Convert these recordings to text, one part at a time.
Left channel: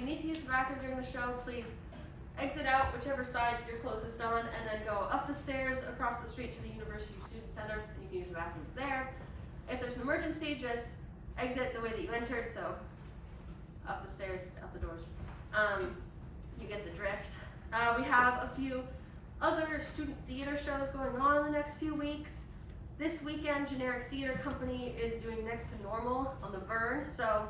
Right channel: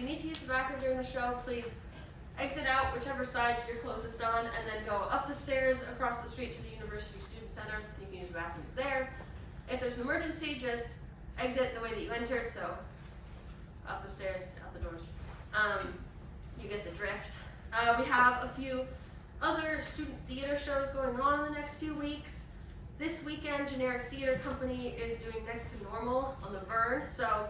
you need to use the bathroom during the show, please exit out whichever side you're closest on, and then go up the stairs across the street to the University Student Center, and you can use the bathrooms there. If there's an emergency, just exit the way that you entered, so up the stairs, out the doors. You get the drift. We have a few other student theater shows going on in the next few weeks. This weekend, Generic Theater Company is doing Next to Normal on the Vern, so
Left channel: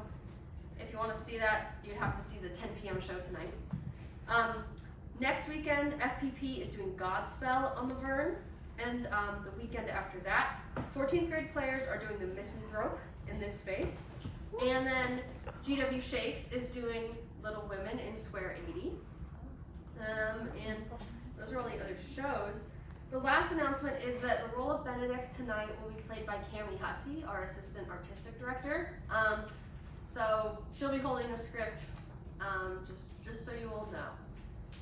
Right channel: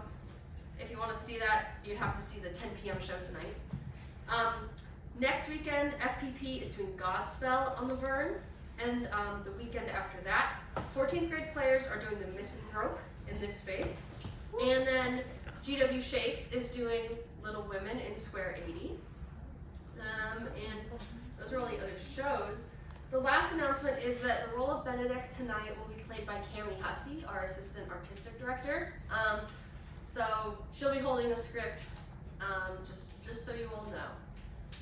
if you want to see that, you'd have to see the 10 p.m. show tonight. Next weekend, FPP is doing Godspell on the Vern, and the weekend after that, 14th grade players are doing the Misanthrope in this space, and then GW Shakes is doing Little Women in Square 80, and those are all the other shows. The last announcement is that the role of Benedict tonight will be played by Cami Hussey, our assistant artistic director. So she'll be holding the script, just so you all know.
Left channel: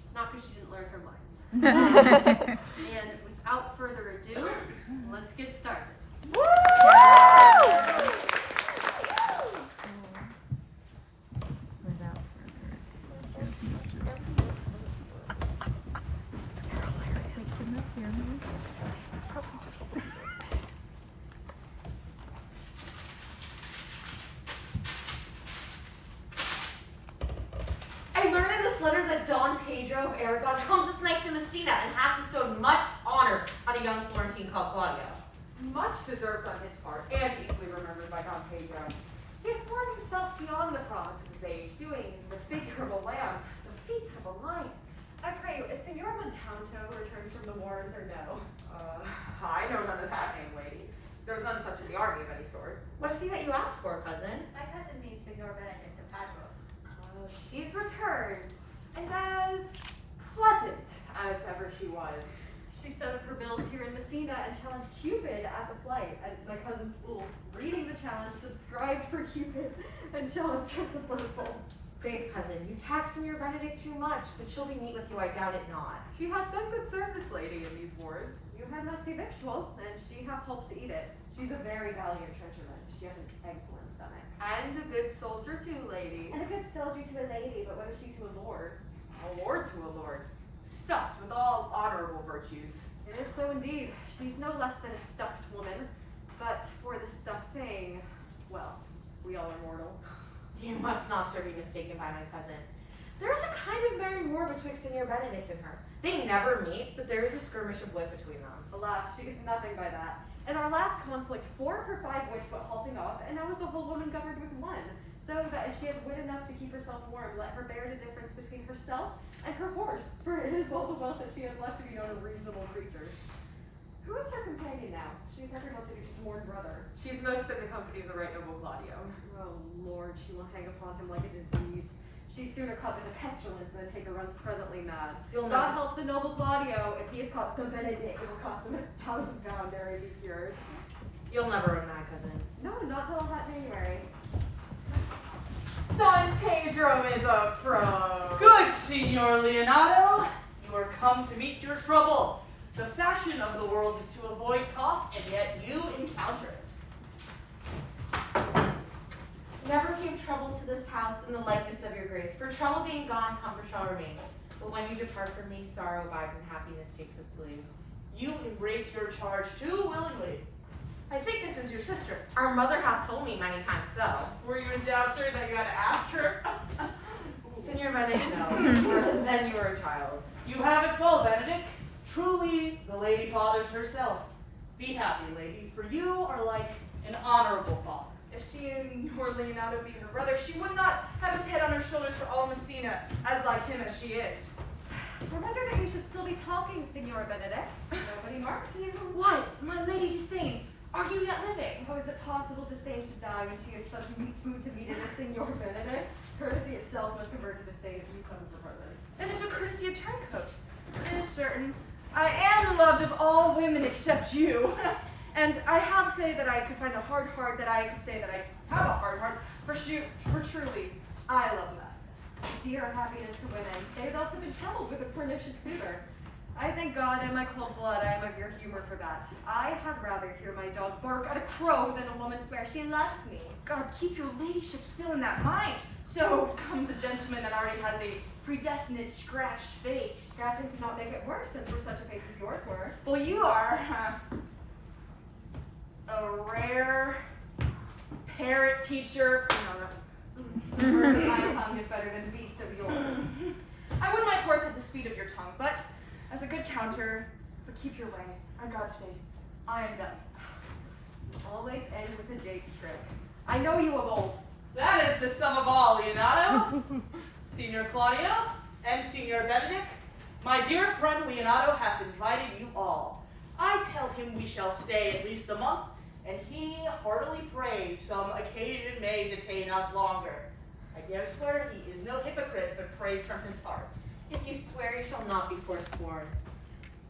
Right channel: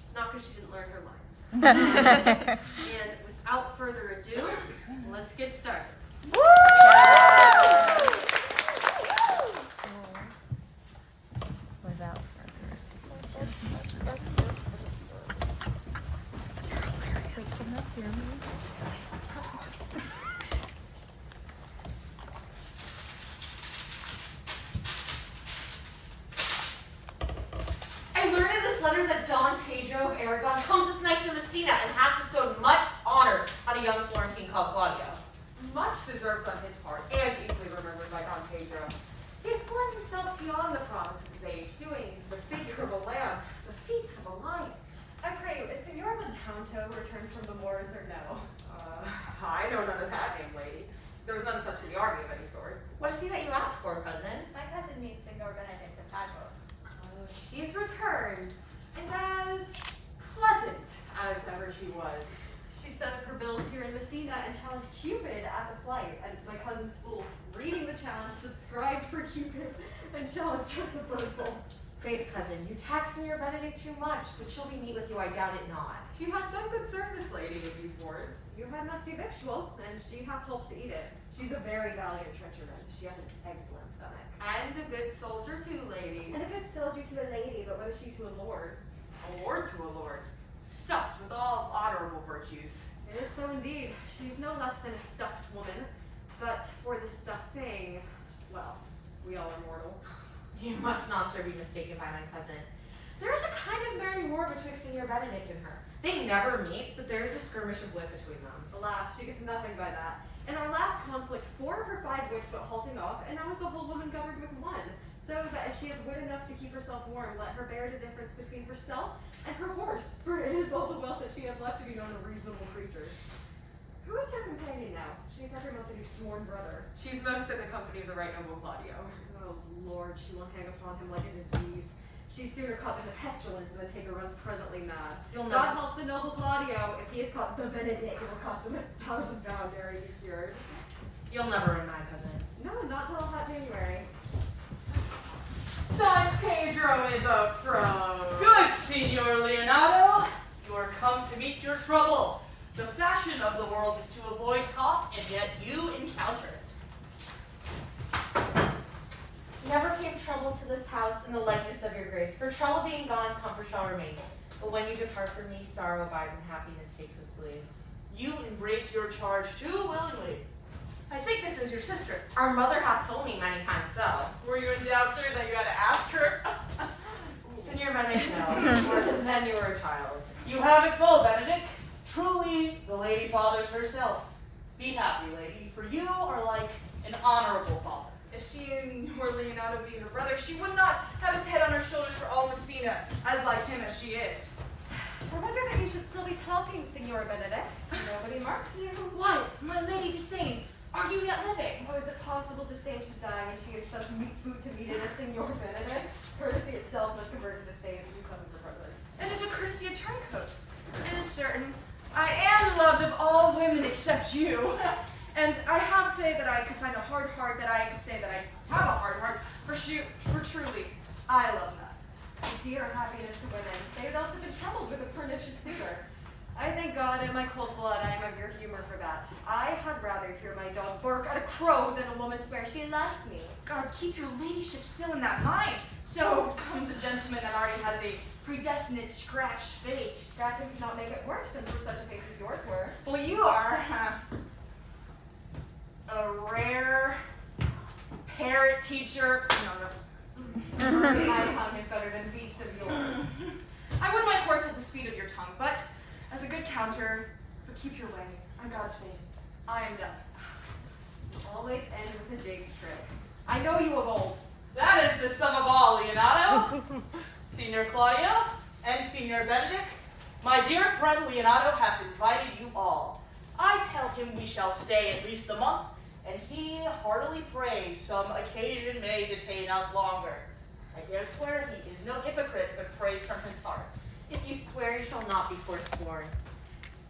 It's not because she didn't learn her lines. And without further ado, let's get started. I learned in this letter that Don Pedro of Aragon comes this night to Messina and hath bestowed much honor on a young Florentine called Claudio. Much deserved on his part, and easily remembered by Don Pedro. He had flung himself beyond the promise of his age, doing the figure of a lamb, the feats of a lion. I pray you, is Signora Montanto returned from the wars or no? I know none of that, name lady. There was none such in the army of any sort. What is he that you ask for, cousin? My cousin meets Signor Benedict of Padua. She's returned, and as pleasant as ever she was. She set up her bills here in Messina and challenged Cupid at the flight, and my cousin's fool, reading the challenge, subscribed for Cupid and challenged her the purple. Faith, cousin, you tax Signor Benedict too much, but she'll be neat with you, I doubt it not. She hath done good service, lady, in these wars. You had musty victual, and she hath helped to eat it. She's a very valiant trencherman. She hath an excellent stomach. And a good soldier too, lady. And a good soldier to a lady, but what is she to a lord? A lord to a lord, stuffed with all honorable virtues. It is so indeed. She's no less than a stuffed woman, but for the stuffing, well, we all are mortal. You must not, sir, be mistaken by my cousin. There is a kind of merry war betwixt Signor Benedict and her. They never meet, but there is a skirmish of wit between them. Alas, she gets nothing by that. In our last conflict, 4 of her 5 wits went halting off, and now is the whole woman governed with 1. So that if she has wit enough to keep herself warm, let her bear the difference between herself and her horse, for it is all the wealth that she hath left to be known a reasonable creature. Who is her companion now? She hath every month to do sworn brother. She's most in the company of the right noble Claudio. Oh Lord, she will hang upon him like a disease. She sooner caught the pestilence than take her runs presently mad. You'll God not help the noble Claudio, if he had caught the Benedict, it would cost him 1,000 pounds ere he be cured. You'll never run my cousin. No, not till that January. Don Pedro is a pro. Good, Signor Leonardo. You are come to meet your trouble. The fashion of the world is to avoid cost, and yet you encounter it. Never came trouble to this house in the likeness of your grace. For trouble being gone, comfort shall remain. But when you depart from me, sorrow abides and happiness takes its leave. You embrace your charge too willingly. I think this is your sister. Our mother hath told me many times so. Were you in doubt, sir, that you had to ask her? Signor Benedict, no. Then you were a child. You have it full, Benedict. Truly, the lady fathers herself. Be happy, lady, for you are like an honorable father. If she were Leonardo be her brother, she would not have his head on her shoulders for all Messina, as like him as she is. I wonder that you should still be talking, Signora Benedict. Nobody marks you. What? My lady Disdain, are you yet living? Oh, is it possible Disdain should die when she had such meat food to meet as Signor Benedict? Courtesy itself must convert to Disdain if you come for presents. It is a courtesy a turncoat. It is certain. I am loved of all women except you. And I have say that I could find a hard heart, that I could say that I have a hard heart, for truly, I love not. Dear happiness to women, they had also been troubled with a pernicious suitor. I thank God in my cold blood I am of your humor for that. I had rather hear my dog bark at a crow than a woman swear she loves me. God, keep your ladyship still in that mind. So comes a gentleman that already has a predestinate scratched face. Scratches cannot make it worse, and for such a face as yours were. Well, you are a rare parrot teacher. No. My tongue is better than beast of yours. I would my horse at the speed of your tongue, but as a good counter, but keep your way. On God's faith, I am done. Always end with a Jake's trick. I know you of old. That is the sum of all, Leonardo. Signor Claudio and Signor Benedict, my dear friend Leonardo hath invited you all. I tell him we shall stay at least a month, and he heartily prays some occasion may detain us longer. I dare swear he is no hypocrite, but prays from his heart. If you swear, you shall not be forsworn.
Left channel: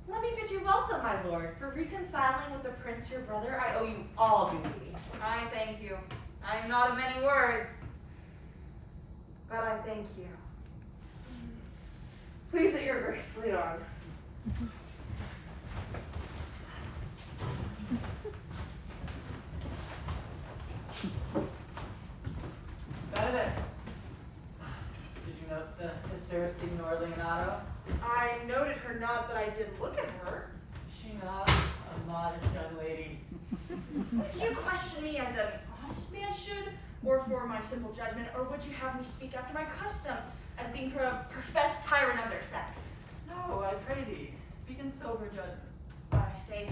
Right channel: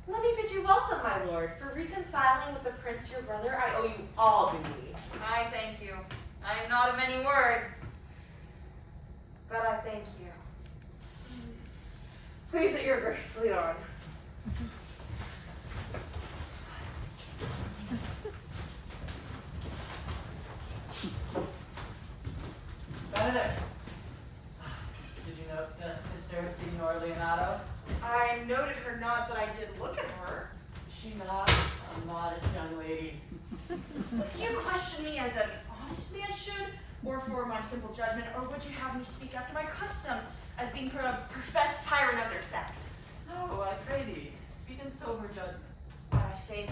Let me bid you welcome, my lord. For reconciling with the prince your brother, I owe you all duty. I thank you. I am not of many words, but I thank you. Please, at your grace, lead on. Benedict, did you note the sister of Signor Leonardo? I noted her nod, but I didn't look at her. Is she not a modest young lady? Do you question me as an honest man should, or for my simple judgment, or would you have me speak after my custom, as being a professed tyrant of their sex? No, I pray thee, speak in sober judgment. By faith,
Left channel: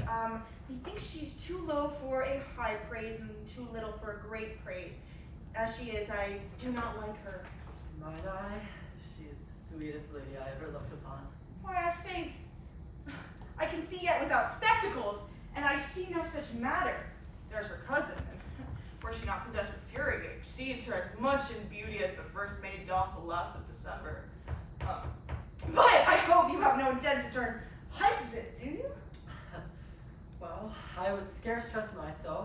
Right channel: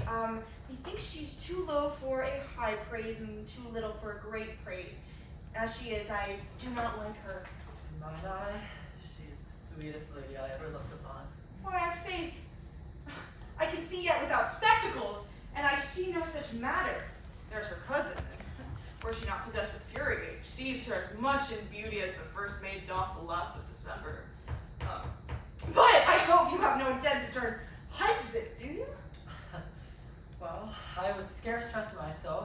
methinks she's too low for a high praise and too little for a great praise. As she is, I do not like her. In mine eye, she is the sweetest lady I ever looked upon. Why, I have faith. I can see yet without spectacles, and I see no such matter. There's her cousin, and were she not possessed with fury, exceeds her as much in beauty as the first maid doth the last of December. But I hope you have no intent to turn husband, do you? Well, I would scarce trust myself,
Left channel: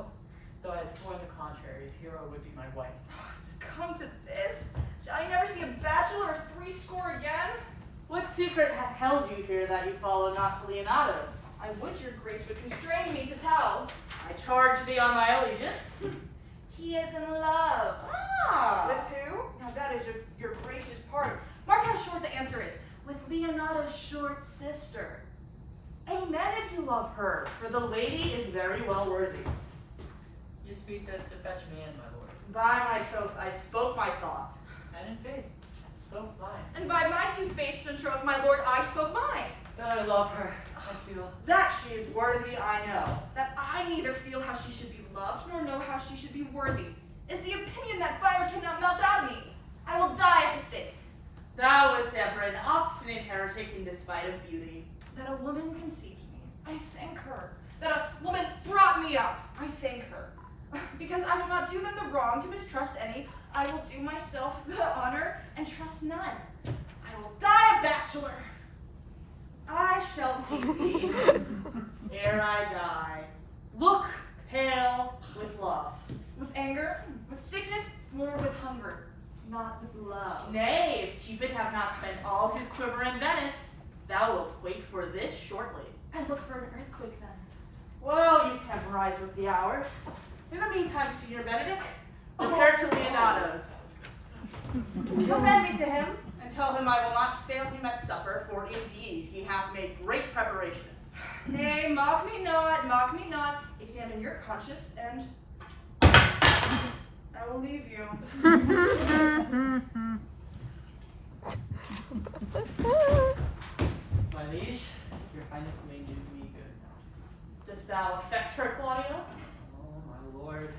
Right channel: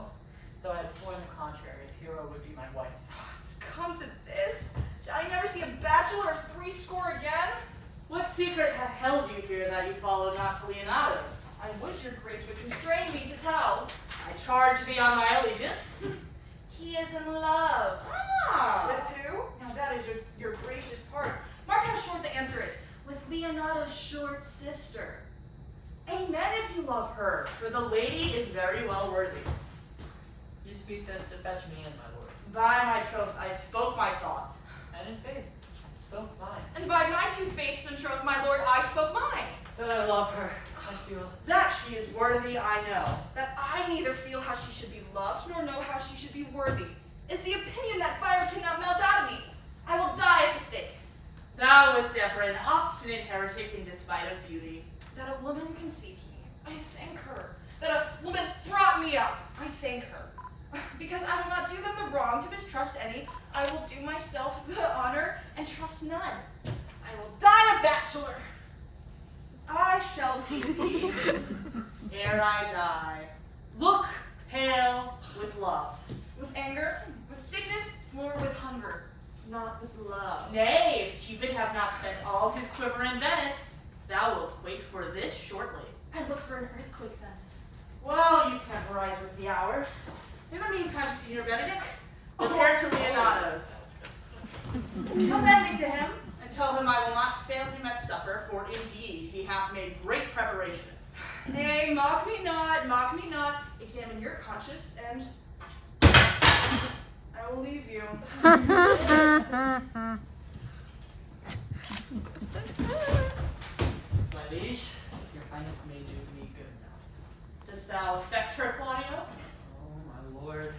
though I had sworn the contrary, if Hero would be my wife. It's come to this. Shall I never see a bachelor of threescore again? What secret hath held you here that you follow not to Leonardo's? I would your grace would constrain me to tell. I charge thee on my allegiance. He is in love. Ah! With who? Now that is your gracious part. Mark how short the answer is. With Leonardo's short sister. Amen if you love her, for the lady is very well worthy. You speak this to fetch me in, my lord. By my troth, I spoke my thought. And in faith, I spoke mine. And by my two faiths and troth, my lord, I spoke mine. That I love her, I feel. That she is worthy, I know. That I neither feel how she should be loved, nor know how she should be worthy, is the opinion that fire cannot melt out of me. I will die at the stake. Thou wast ever an obstinate heretic in despite of beauty. That a woman conceived me, I thank her. That a woman brought me up, I thank her. Because I will not do them the wrong to mistrust any, I will do myself the honor and trust none. I will die a bachelor. I shall see thee ere I die. Look pale with love. With anger, with sickness, more with hunger, not with love. Nay, if Cupid have not spent all his quiver in Venice, thou wilt quake for this shortly. I look for an earthquake then. Well, you temporize with the hours. In the meantime, Signor Benedict, repair to Leonardo's. Commend me to him. And tell him I will not fail him at supper, for indeed he hath made great preparation. Nay, mock me not, mock me not. Examine your conscience, and I will leave you. My liege, your highness may do me good now. Dost thou affect her, Claudio? Oh, my lord.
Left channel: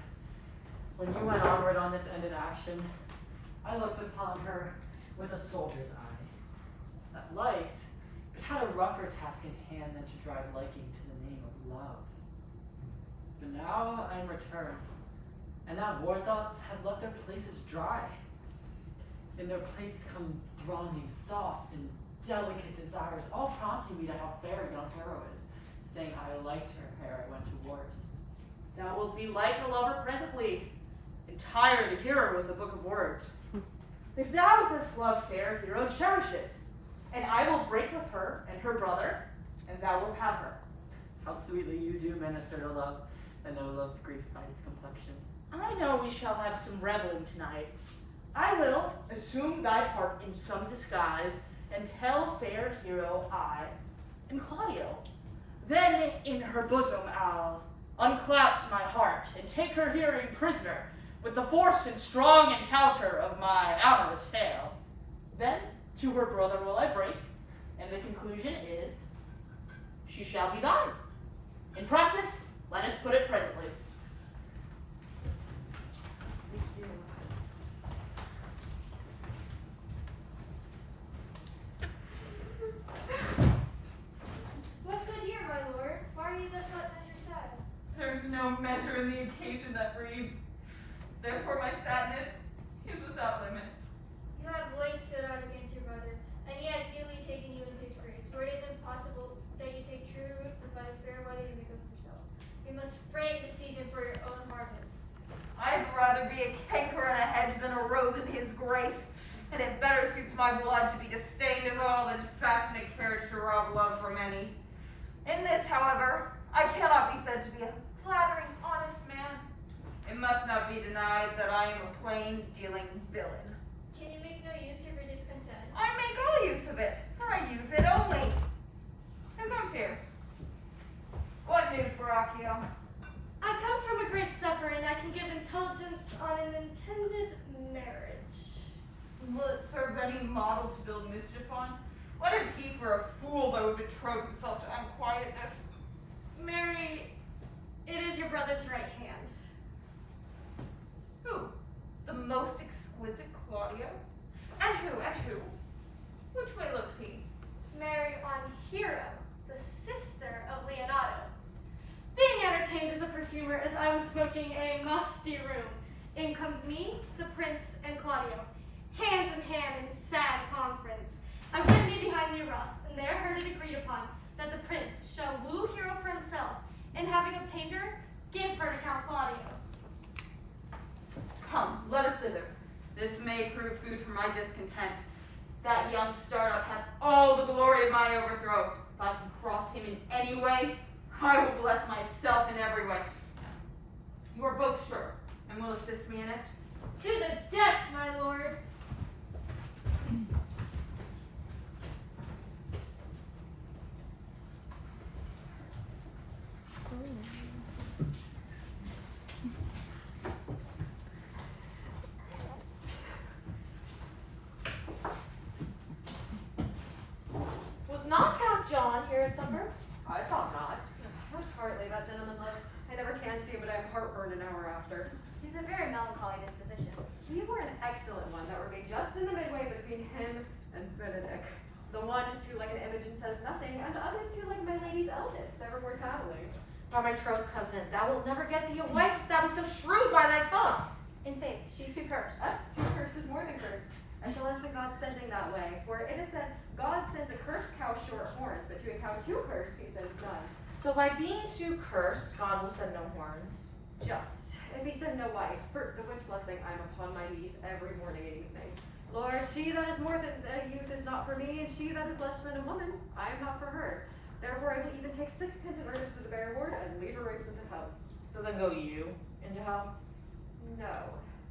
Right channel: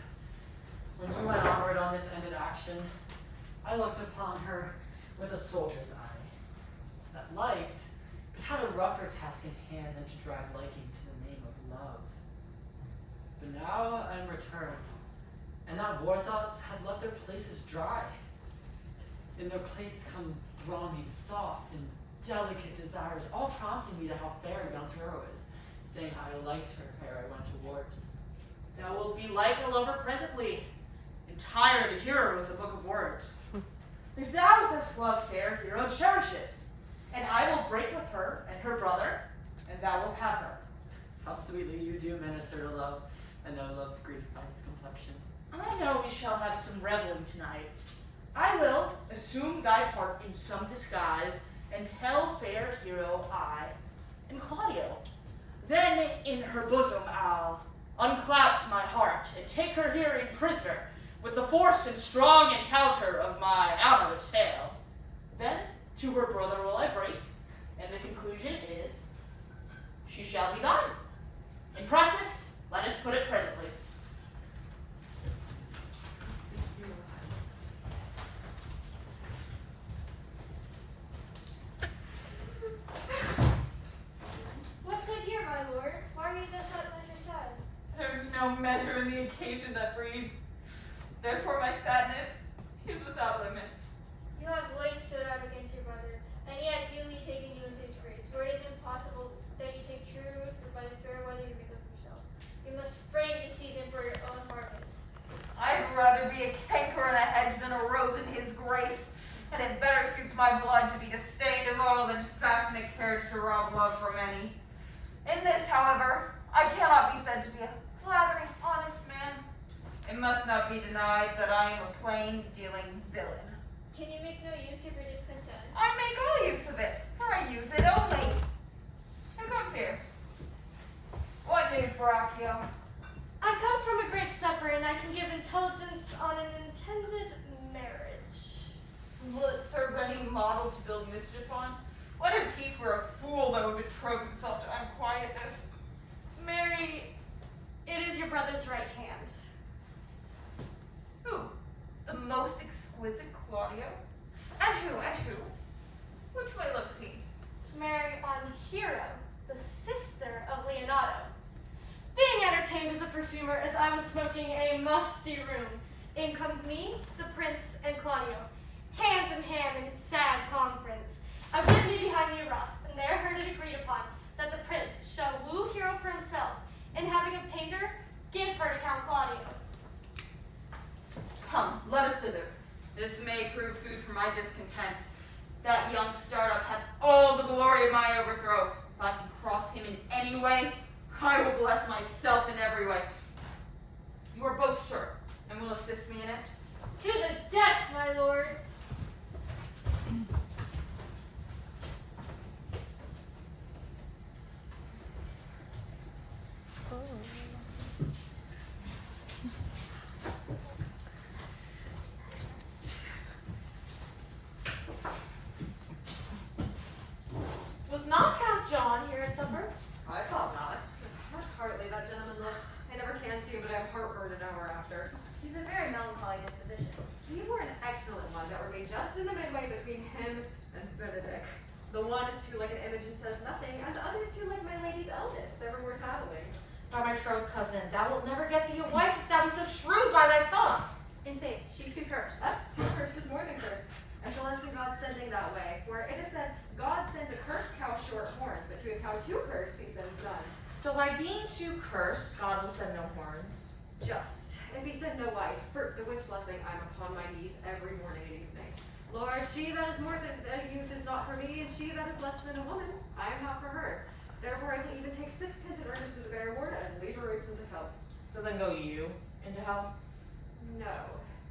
When you went onward on this ended action, I looked upon her with a soldier's eye. That liked, but had a rougher task in hand than to drive liking to the name of love. But now I am returned, and now war thoughts have left their places dry. In their place come thronging soft and delicate desires, all prompting me to how fair young Hero is, saying I liked her ere I went to wars. Thou wilt be like a lover presently, entire the hero of the book of words. If thou dost love fair hero, cherish it, and I will break with her and her brother, and thou wilt have her. How sweetly you do minister to love, and know love's grief by its complexion. I know we shall have some reveling tonight. I will assume thy part in some disguise, and tell fair hero I am Claudio. Then in her bosom I'll unclasp my heart, and take her herein prisoner, with the force and strong encounter of my amorous tale. Then to her brother will I break, and the conclusion is, she shall be thine. In practice, let us put it presently. What good year, my lord? Why are you thus measure sad? There's no measure in the occasion that breeds. Therefore my sadness is without limit. You have late stood out against your brother, and yet newly taken you into his grace, where it is impossible that you take true root, but by the fair weather you make of yourself. You must frame the season for your own harvest. I'd rather be a canker in a hedge than a rose in his grace, and it better suits my blood to be disdained of all than fashionate carriage to rob love from any. In this, however, I cannot be said to be a flattering, honest man. It must not be denied that I am a plain-dealing villain. Can you make no use of your discontent? I make all use of it, for I use it only. Who comes here? What news, Baracchio? I come from a great supper, and I can give intelligence on an intended marriage. Will it serve any model to build mischief on? What is he for a fool that would betroth himself to unquietness? Mary, it is your brother's right hand. Who? The most exquisite Claudio? And who? Which way looks he? Mary on Kiera, the sister of Leonardo. Being entertained as a perfumer as I was smoking a musty room, in comes me, the prince, and Claudio, hand in hand in sad conference. I went me behind the arras, and there heard it agreed upon that the prince shall woo Hero for himself, and having obtained her, give her to Count Claudio. Come, let us thither. This may prove food for my discontent. That young startup hath all the glory of my overthrow. If I can cross him in any way, I will bless myself in every way. You are both sure, and will assist me in it? To the death, my lord! Was not Count John here at supper? I thought not. How tartly that gentleman looks. I never can see him, but I have heartburn an hour after. He's a very melancholy disposition. You were an excellent one that were made just in the midway between him and Benedict. The one is too like an image and says nothing, and the other is too like my lady's eldest, ever more tattling. By my troth cousin, thou wilt never get thee a wife if thou be so shrewd by thy tongue. In faith, she's too cursed. Too cursed is more than cursed. I shall listen God sending that way, for it is said, God sends a cursed cow short horns, but to a cow too cursed he sends none. So by being too cursed, God will send no horns. Just, if he send no wife, for the which blessing I am upon my knees every morning and evening. Lord, she that is more than a youth is not for me, and she that is less than a woman, I am not for her. Therefore I will even take sixpence in earnest to the bare ward, and lead her rapes into hell. So then go you into hell? No,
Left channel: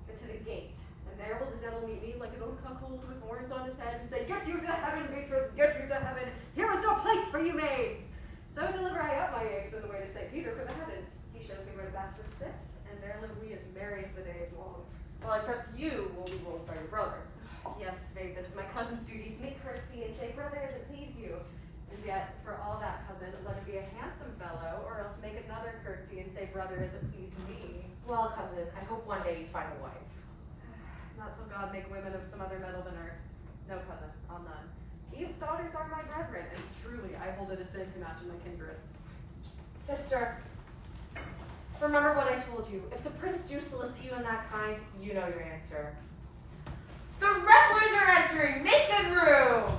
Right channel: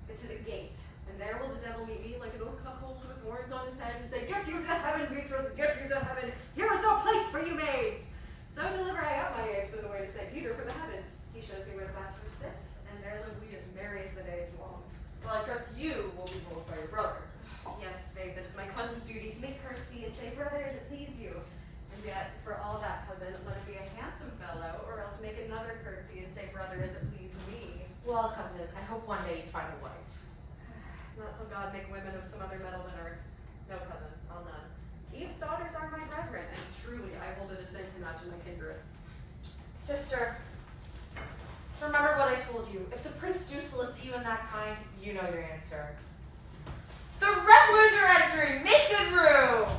but to the gate. And there will the devil meet me like an old cuckold with horns on his head and say, Get you to heaven, Beatrice, get you to heaven. Here is no place for you maids. So deliver I up my eggs in the way to St. Peter for the heavens. He shows me where the bachelors sit, and there live we as merry as the day is long. Well, I trust you will be ruled by your brother. Yes, faith, it is my cousin's duty to make courtesy and say, Brother, as it please you. And yet, for all that, cousin, let it be a handsome fellow, or else make another courtesy and say, Brother, as it please me. Well, cousin, I hope one day you find a wife. Not till God make women of some other metal than earth. No, cousin, I'll none. Eve's daughters are my brethren, and truly I hold it a sin to match in my kindred. Sister, remember what I told you. If the prince do solicit you in that kind, you know your answer. The revelers are entering! Make good room!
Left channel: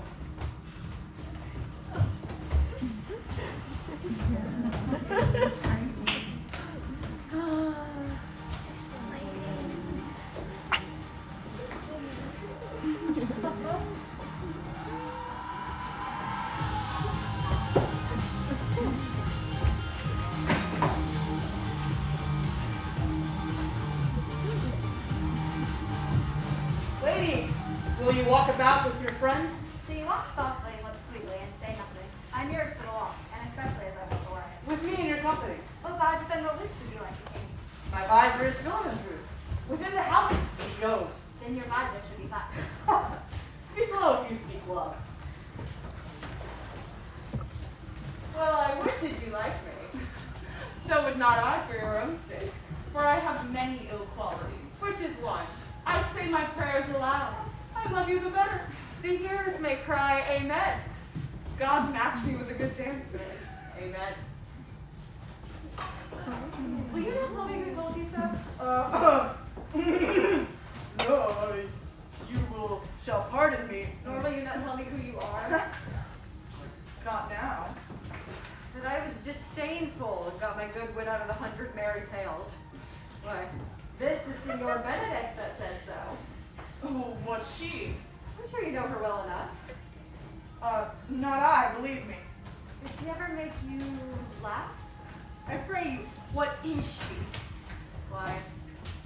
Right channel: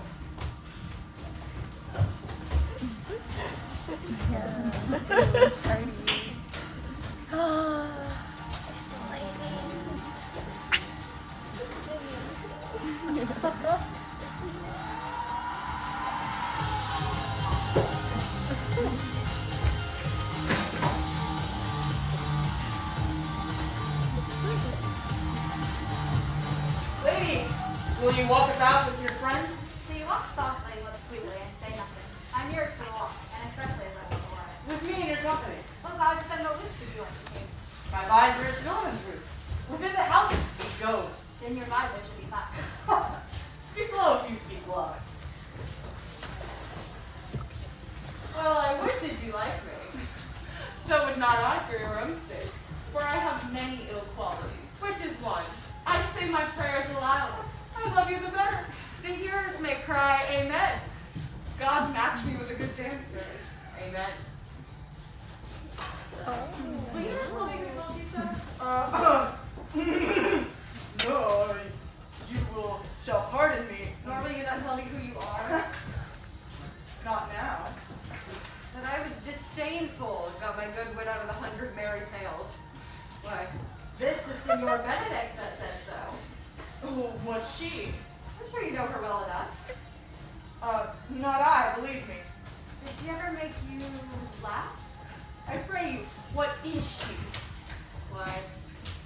walk about with your friend? So you walk softly, look sweetly, and say nothing. I'm yours for the walk, and especially as I was before. With me in your company. Oh, God, then the loop should be like the case. My visor is filamentary. Within the house is gold. Then your visor should be flat. Speak low if you speak love. Well, I would did you like me. So would not I for your own sake, for I have many ill qualities. Which is one? I say my prayers aloud. I love you the better. The hearers may cry, Amen. God match me with a good dancer. Amen. Will you not tell me who told you so? No, you shall pardon me. Nor will you not tell me who you are? Not now. That I was disdainful and got my good wit out of the 100 merry tales. Why, this is Signor Benedict that said so. Oh, what's she? I'm sure you know her well enough. Not I, believe me. Did she ever make you laugh? I pray you, what is she? Why,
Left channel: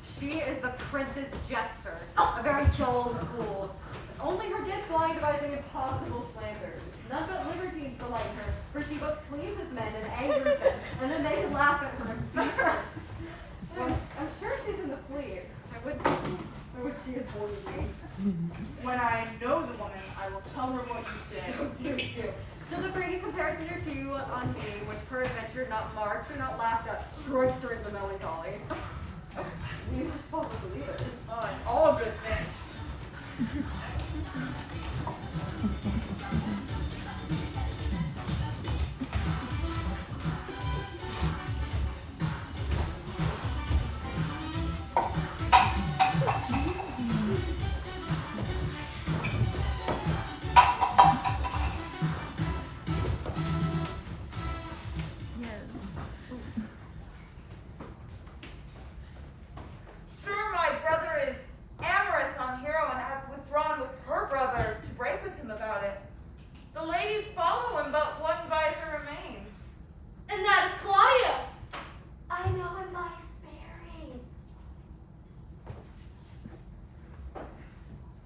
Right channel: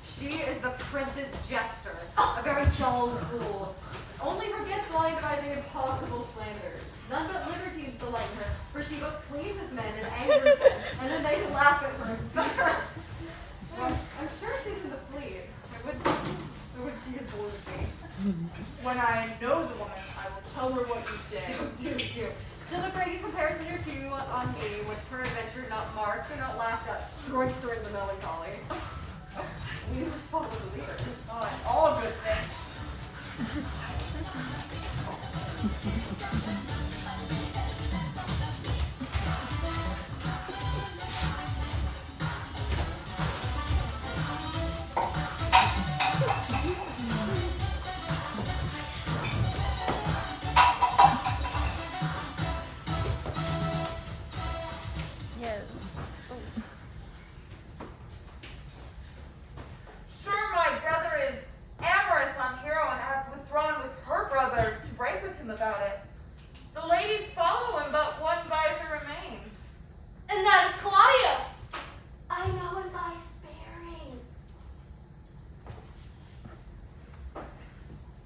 she is the prince's jester, a very dull fool. Only her gifts lie in devising impossible slanders. None but libertines delight in her, for she both pleases men and angers them, and then they laugh at her and beat her. I'm sure she's in the fleet. I wish she had boarded me. When I know the woman, I will tell her what you say. Do. She'll have bring a comparison or two on me, which peradventure not marked or not laughed at, strikes her into melancholy. You just follow the leaders. Oh, and all good things. Sure, my brother is amorous on Hero and have withdrawn with her brother to break with him about it. The ladies follow him, but one visor remains. And that is Claudia. I know him by his bearing.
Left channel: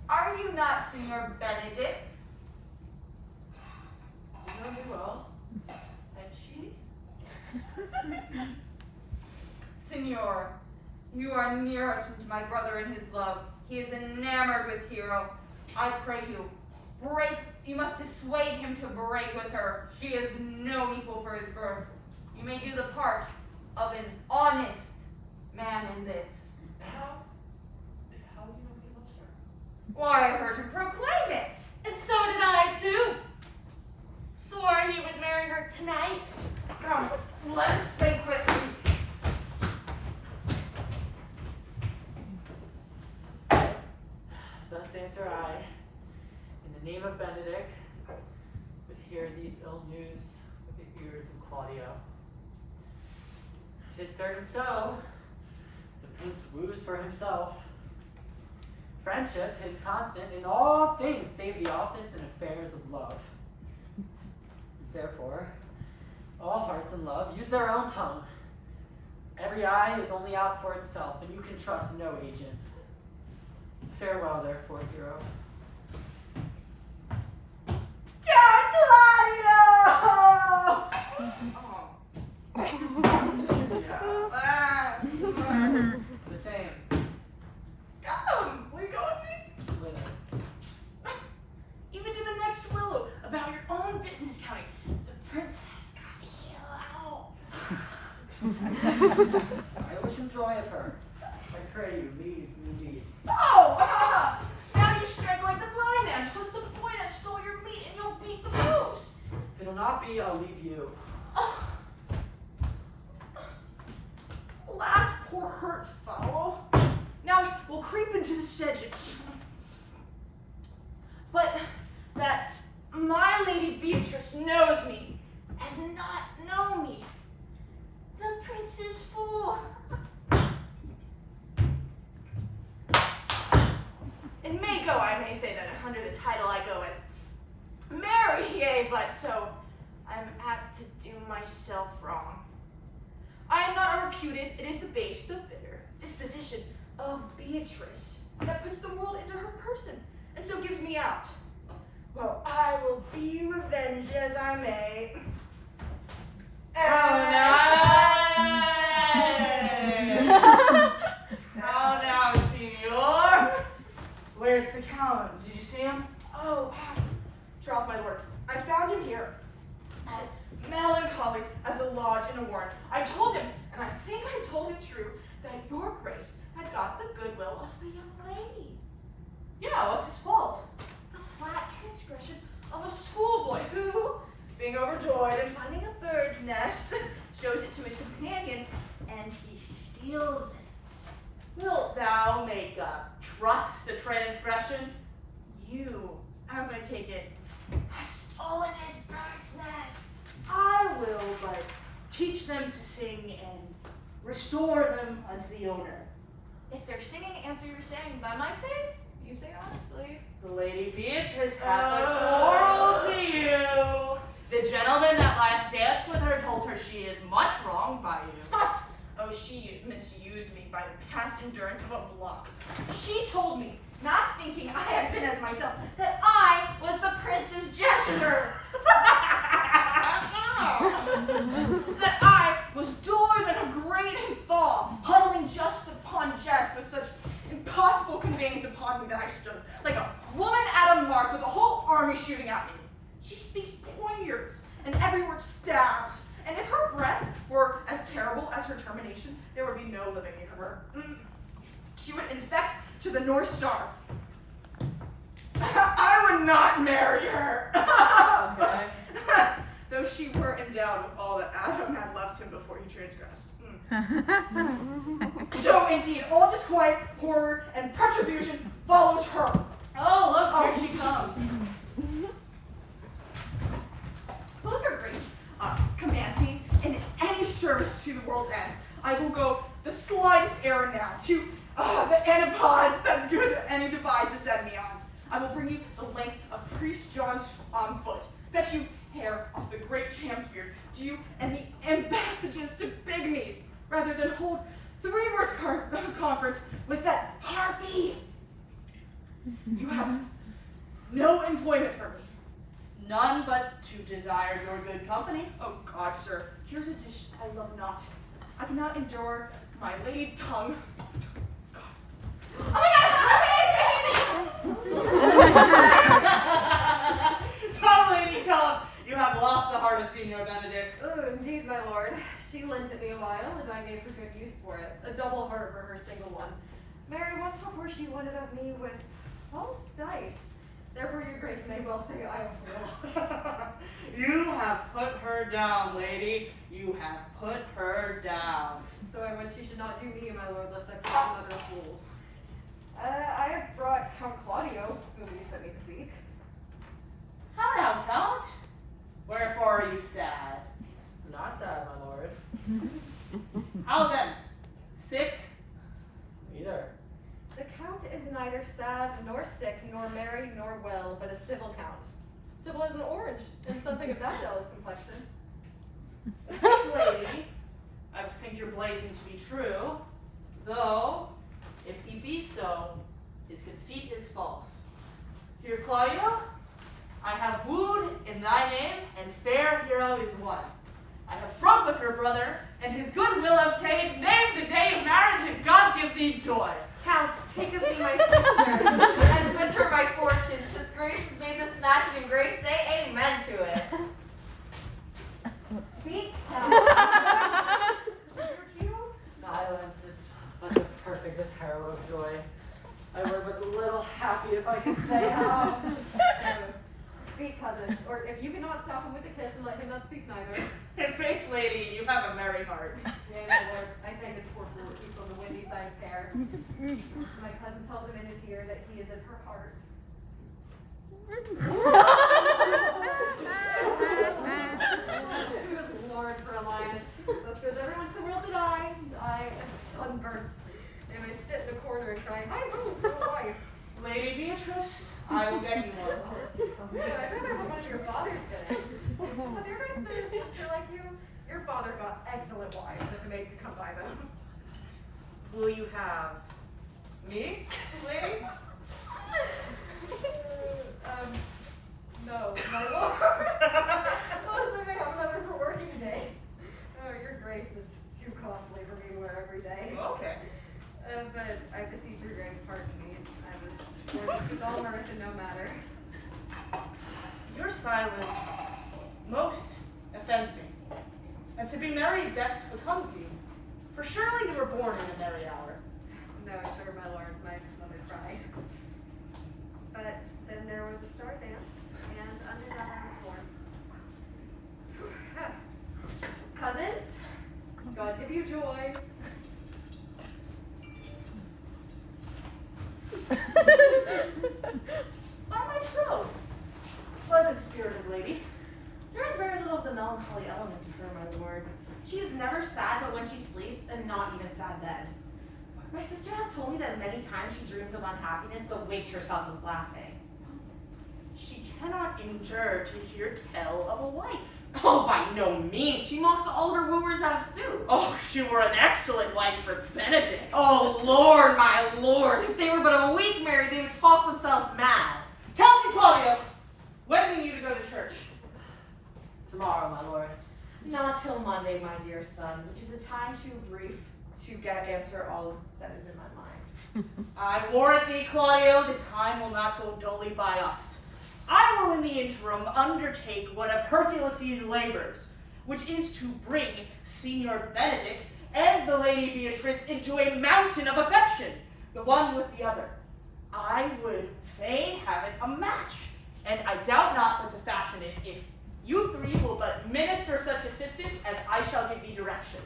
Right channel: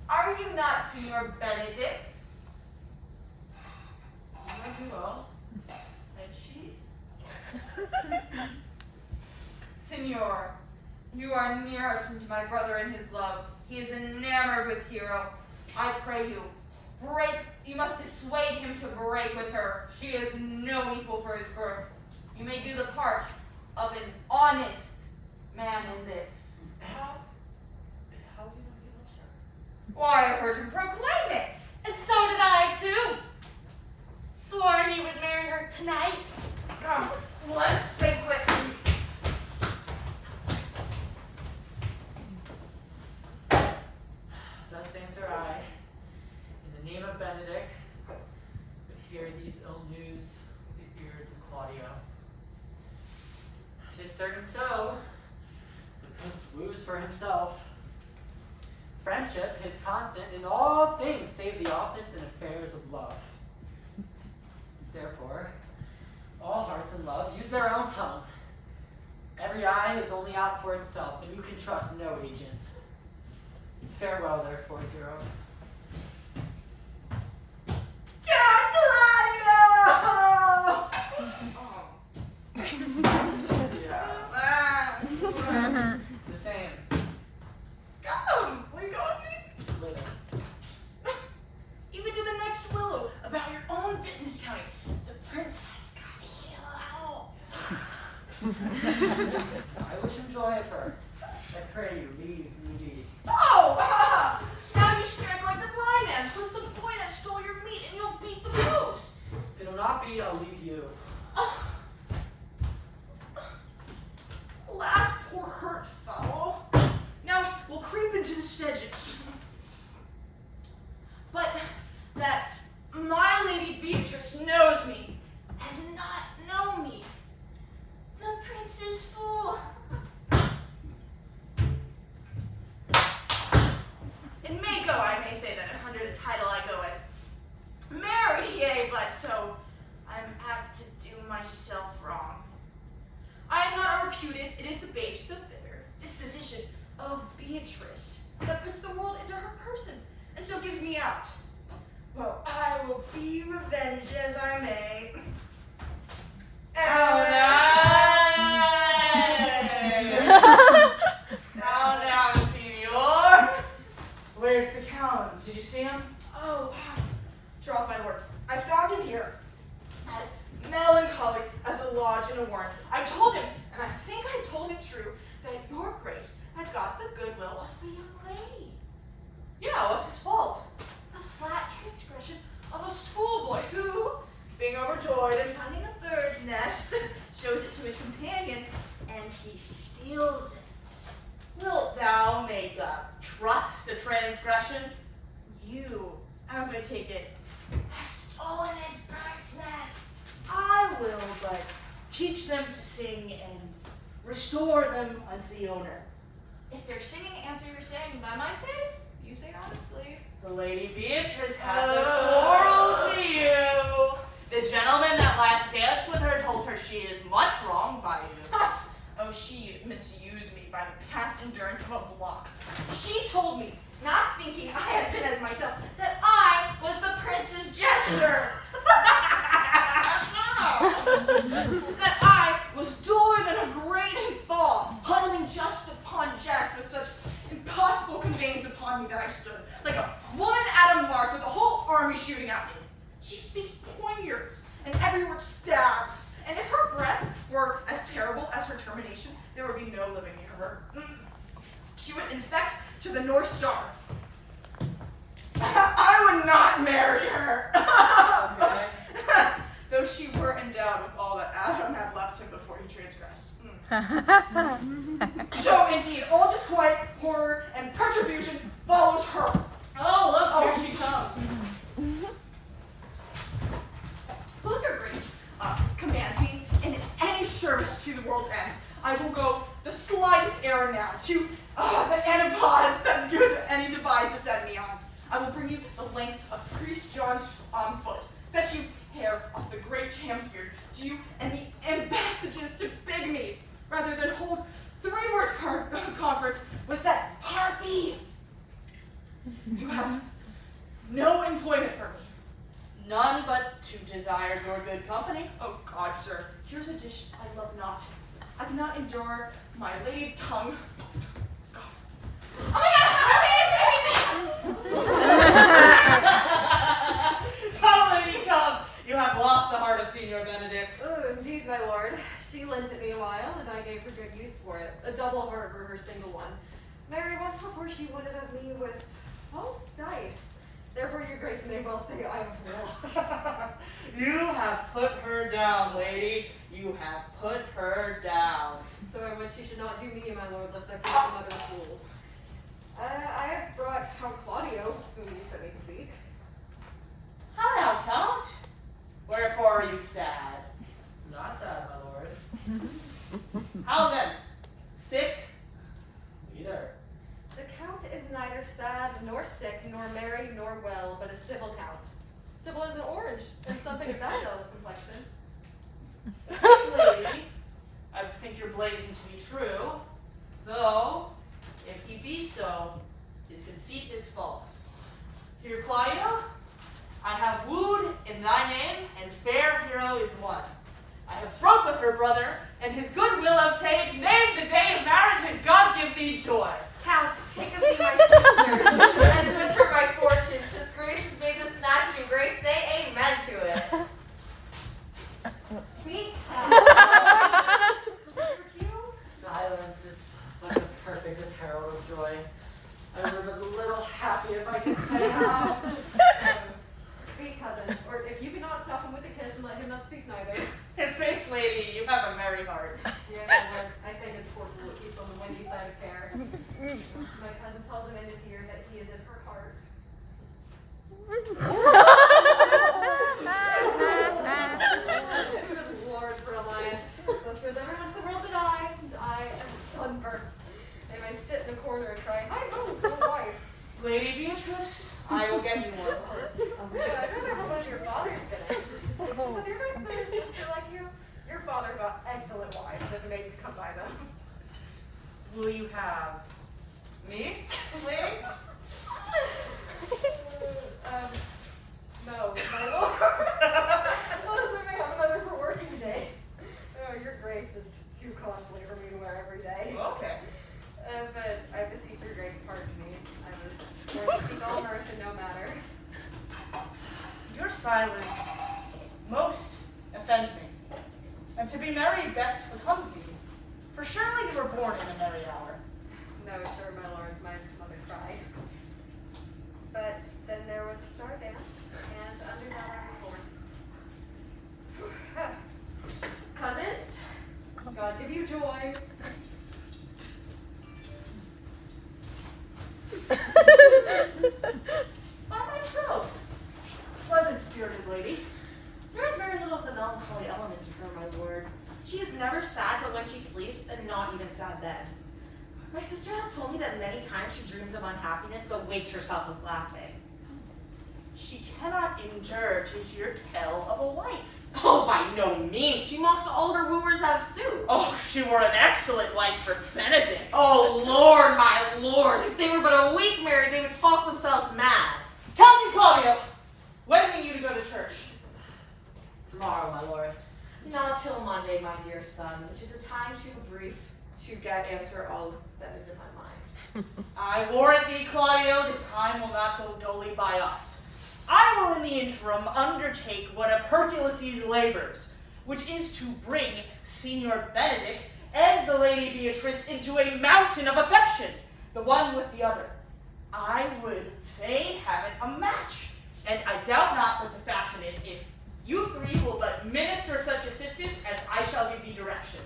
Are you not Signor Benedict? You know me well. And she? Signor, you are nearer to my brother in his love. He is enamored with Hero. I pray you, you must dissuade him to break with her. She is no equal for his birth. You may do the part of an honest man in this. How do you know he loves her? Why, I heard him proclaim it. And so did I, too. Swore he would marry her tonight. Come, let us banquet. Thus answer I, in the name of Benedict, but hear these ill news with the ears of Claudio. 'Tis certain so, the prince woos for himself. Friendship is constant in all things save the office and affairs of love. Therefore, all hearts in love use their own tongue. Every eye is only out for itself, and you can trust no agent. Farewell, therefore, hero. The same. Come, will you go with me? Little. Even to the next willow, about your own business counting. The prince has got a hero. I wish him joy of her. I pray you, leave me. Oh! Now you strike like the blind ants. What's the boy that stole your meat and you'll beat the post? If it'll not be, I'll leave you. Alas, poor hurt fowl. Now we'll creep into the sedges. But that my lady Beatrice knows me and not know me. The prince is fool. In Mako, I may say that under the title I go as Mary, yea, but so I'm apt to do myself wrong. I am not reputed, it is the base, the bitter disposition of Beatrice that puts the world into her person, and so gives me out. Well, I will be revenged as I may. Now, senor. Where's the Count? Did you see him? Oh, troth, my lord, I found him here, as melancholy as a lodge in a warren. I told him, and I think I told it true, that your grace had got the goodwill of the young lady. Yeah, what's his fault? The flat transgression of a schoolboy who, being overjoyed and finding a bird's nest, shows it to his companion, and he steals it. Wilt thou make trust a transgression? You, as I take it, have stolen his bird's nest. I will but teach them to sing and restore them unto the owner. If their singing answer your saying, by my faith, you say honestly. The Lady Beatrice hath a quarrel to you. The gentleman that last danced with her told her she is much wronged by you. Oh, she misused me by the past endurance of a block. She told me, not thinking I had been as myself, that I was the prince's jester. That I was duller than a grating fall, huddling just upon jest with such impossible conveyance upon me that I stood, like a woman at a mark with a whole army shooting at me. She speaks poignards, and every word stabs. And if her breath were as terrible as her termination, there would be no living near her. She would infect to the North Star. I would not marry her. Okay. Though she were endowed with all that Adam had left him before he transgressed. So indeed, all disquiet, horror, and retribution follows her. Oh, look, here she comes. Will your grace command me in any service to the world's end? I will go the slightest errand now to the antipodes that good any devise to send me on. I will bring you the length of Priest John's foot, fetch you hair off the great cham's beard, do you and the ambassadors to bigmies, rather than hold 3 words conference with that harpy. You have no employment for me. None but to desire your good company. Oh God, sir, here's a dish I love not. I cannot endure my lady tongue. God. Oh my God! Come, lady, come. You have lost the heart of Signor Benedict. Oh, indeed, my lord. She lent it me a while, and I gave her good use for it. A double heart for her single one. Mary, once before she won it of me with false dice. Therefore, your grace may well say I have lost. You have put her down, lady. You have put her down. So I wish she should not do me, my lord, lest I prove another of fools. I brought Count Claudio, whom you sent me to seek. How now, Count? Wherefore are you sad? Not sad, my lord. How then? Sick? Neither. The Count is neither sad, nor sick, nor merry, nor well, but a civil Count. Civil as an orange, and something of that jealous complexion. Lady, I think your blazing to be true, though, if he be so, his conceit is false. Dear Claudio, I have wooed in thy name, and fair hero is won. I have broke with her brother, and his good will obtained. Name the day of marriage, and God give thee joy. Count, take of me my sister, and with her my fortunes. His grace has made this match, and grace say amen to it. Speak. Silence is but the perfectest herald of joy. I were but a little happy if I could say out. Speak, cousin, or if you cannot stop him with a kiss and let him not speak neither. In faith, lady, you have a merry heart. Yeah, my lord, I think it's poor fool that keeps on the windy side of care. My cousin tells him in his ear that he is in her heart. Good lord for alliance. Thus goes everyone to the world but I, and I am sunburnt. They may sit in a corner and cry, hi ho, no wife. Lady Beatrice, I will get you one. I remember one of your father's gonna. With your nice better sister like you, your father got excellent wives if a maid could come by them. Will you have me, lady? No, my lord. Oh, so I have another for working days. Oh, your grace is too costly for me to wear every day. Okay. But I beseech your grace, pardon me. I was born to speak all mirth and no matter. Your silence most offends me, and to be merry best becomes you. For surely you were born in a merry hour. No, sure, my lord, my mother cried. But then there was a star dance, and under that I was born. Cousins, God give you joy. By my troth, pleasant-spirited lady. There is very little of the melancholy element to her, my lord. She is never sad but when she sleeps, and not even sad then. My sister had told me that many times she dreams of unhappiness but waked herself with laughing. She cannot endure to hear tell of a wife. Oh, by no means. She mocks all her wooers out of suit. Oh, she were an excellent wife for Benedict. Oh, Lord, my lord. If they were but a week married, they would talk themselves mad. Captain Claudio, when mean you to go to church? Tomorrow, my lord. Not till Monday, my dear son, which is a time too brief to answer all that is in my mind. I warrant thee, Claudio, the time will not go dully by us. I will in the interim undertake one of Hercules' labors, which is to bring Signor Benedict and the Lady Beatrice into a mountain of affection, the one with the other. I would fain have it a match, and I doubt not but to fashion it if you three will but minister such assistance as I shall give thee direction.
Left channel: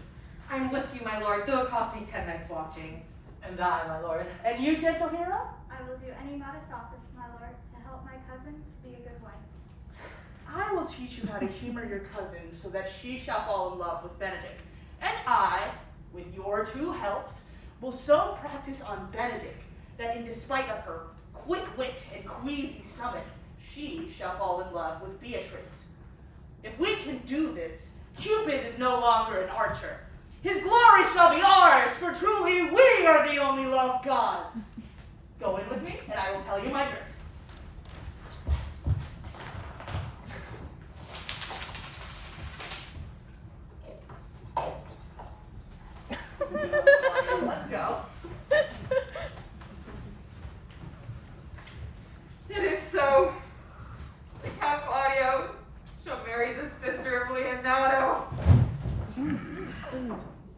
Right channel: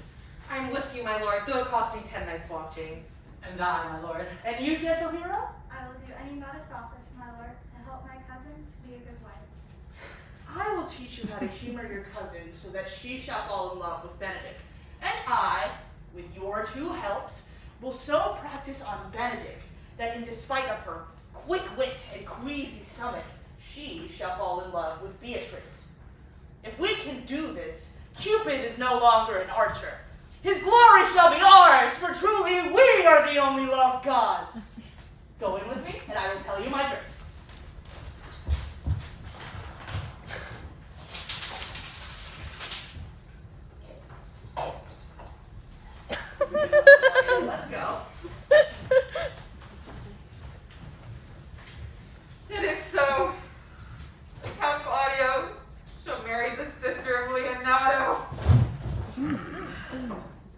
I am with you, my lord, though it cost me 10 nights' watchings. And I, my lord. And you, gentle hero? I will do any modest office, my lord, to help my cousin to be a good wife. I will teach you how to humor your cousin so that she shall fall in love with Benedict. And I, with your two helps, will so practice on Benedict that in despite of her quick wit and queasy stomach, she shall fall in love with Beatrice. If we can do this, Cupid is no longer an archer. His glory shall be ours, for truly we are the only loved gods. Go in with me, and I will tell you my drift. Let's go. It is so. The Count Claudio shall marry the sister of Leonardo.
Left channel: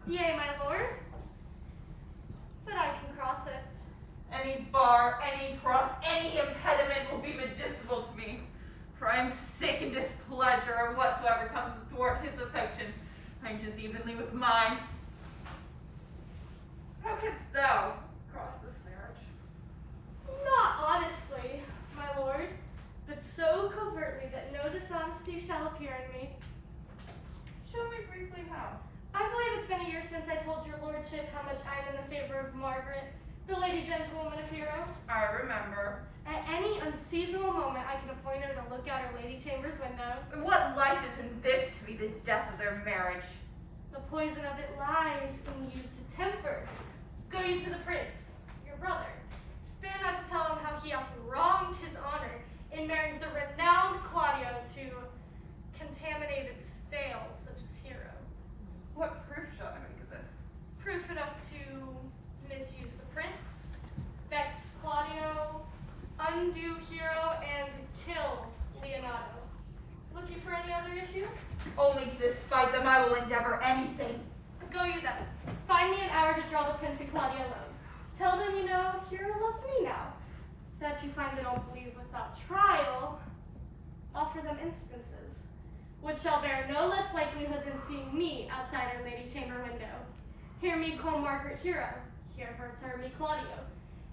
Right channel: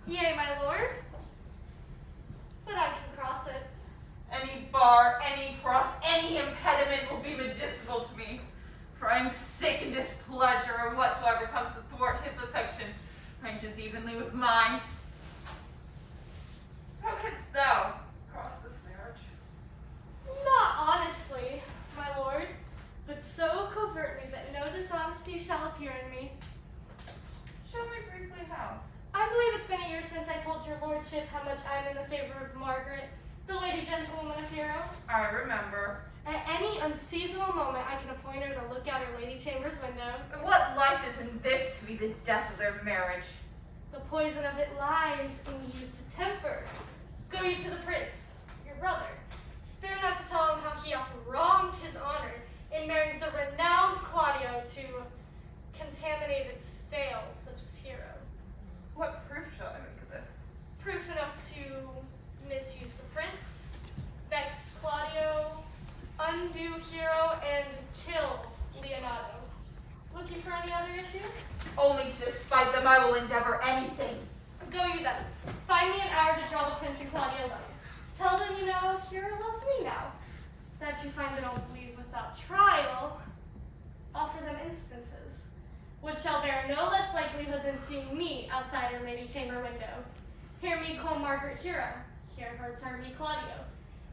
Yea, my lord. But I can cross it. Any bar, any cross, any impediment will be medicinal to me, for I am sick and displeasure of whatsoever comes to thwart his affection, ranges evenly with mine. How canst thou cross this marriage? Not honestly, my lord, but so covertly that no dishonesty shall appear in me. Show me briefly how. I believe it's been a year since I told your lordship how much I am in the favor of Margaret, the lady gentlewoman of Hero. I remember. At any unseasonable moment, I can appoint her to look out her lady chamber's window. And what life is in this to be the death of their marriage? The poison of it lies in you to temper. Go you to the prince, your brother. Spare not to tell him how he hath wronged his honor in marrying the renowned Claudio to contaminated stale such as Hero. What proof shall I make of this? Proof enough to misuse the prince, vex Claudio, undo Hero, and kill Leonardo. Looking for any other issue? Only to despite them I will endeavor anything. Go you then. Find me an hour to draw the prince and Claudia alone. Tell them you know Hero loves me now. That you find they don't believe without trial, offer them instances, which shall bear no less likelihood than seeing me outside her lady chamber window. Hear me call Margaret Hero, hear her term me Claudio,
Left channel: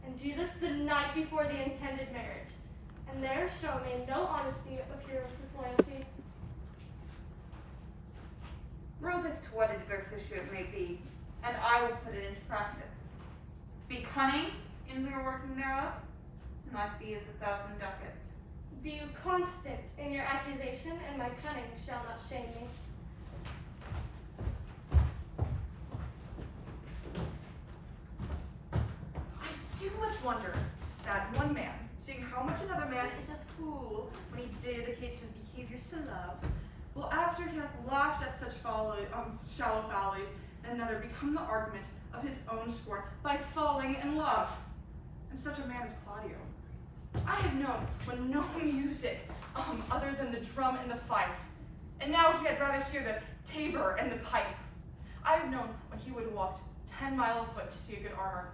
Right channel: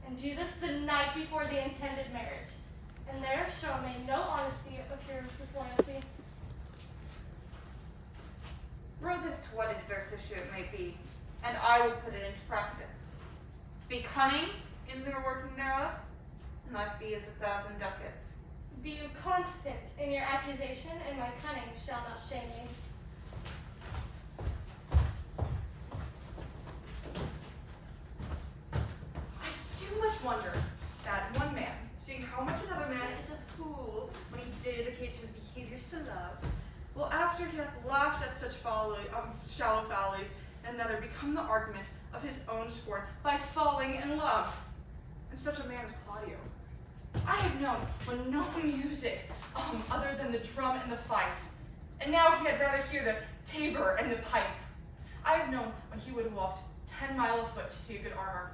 and do this the night before the intended marriage. And there show me no honesty of Hero's disloyalty. Row this to what adverse issue it may be, and I will put it into practice. Be cunning in the working thereof, and my fee is 1,000 ducats. Be you constant in your accusation, and my cunning shall not shame me. I do much wonder that one man, seeing how much another man is a fool when he dedicates his behaviors to love, will after he hath laughed at such shallow follies, and another become the argument of his own scorn by falling in love. And such a man as Claudio. I have known when no music other than the drum and the fife, and now he had rather hear the tabor and the pipe. I have known when he would have walked 10 miles afoot to see a good armor,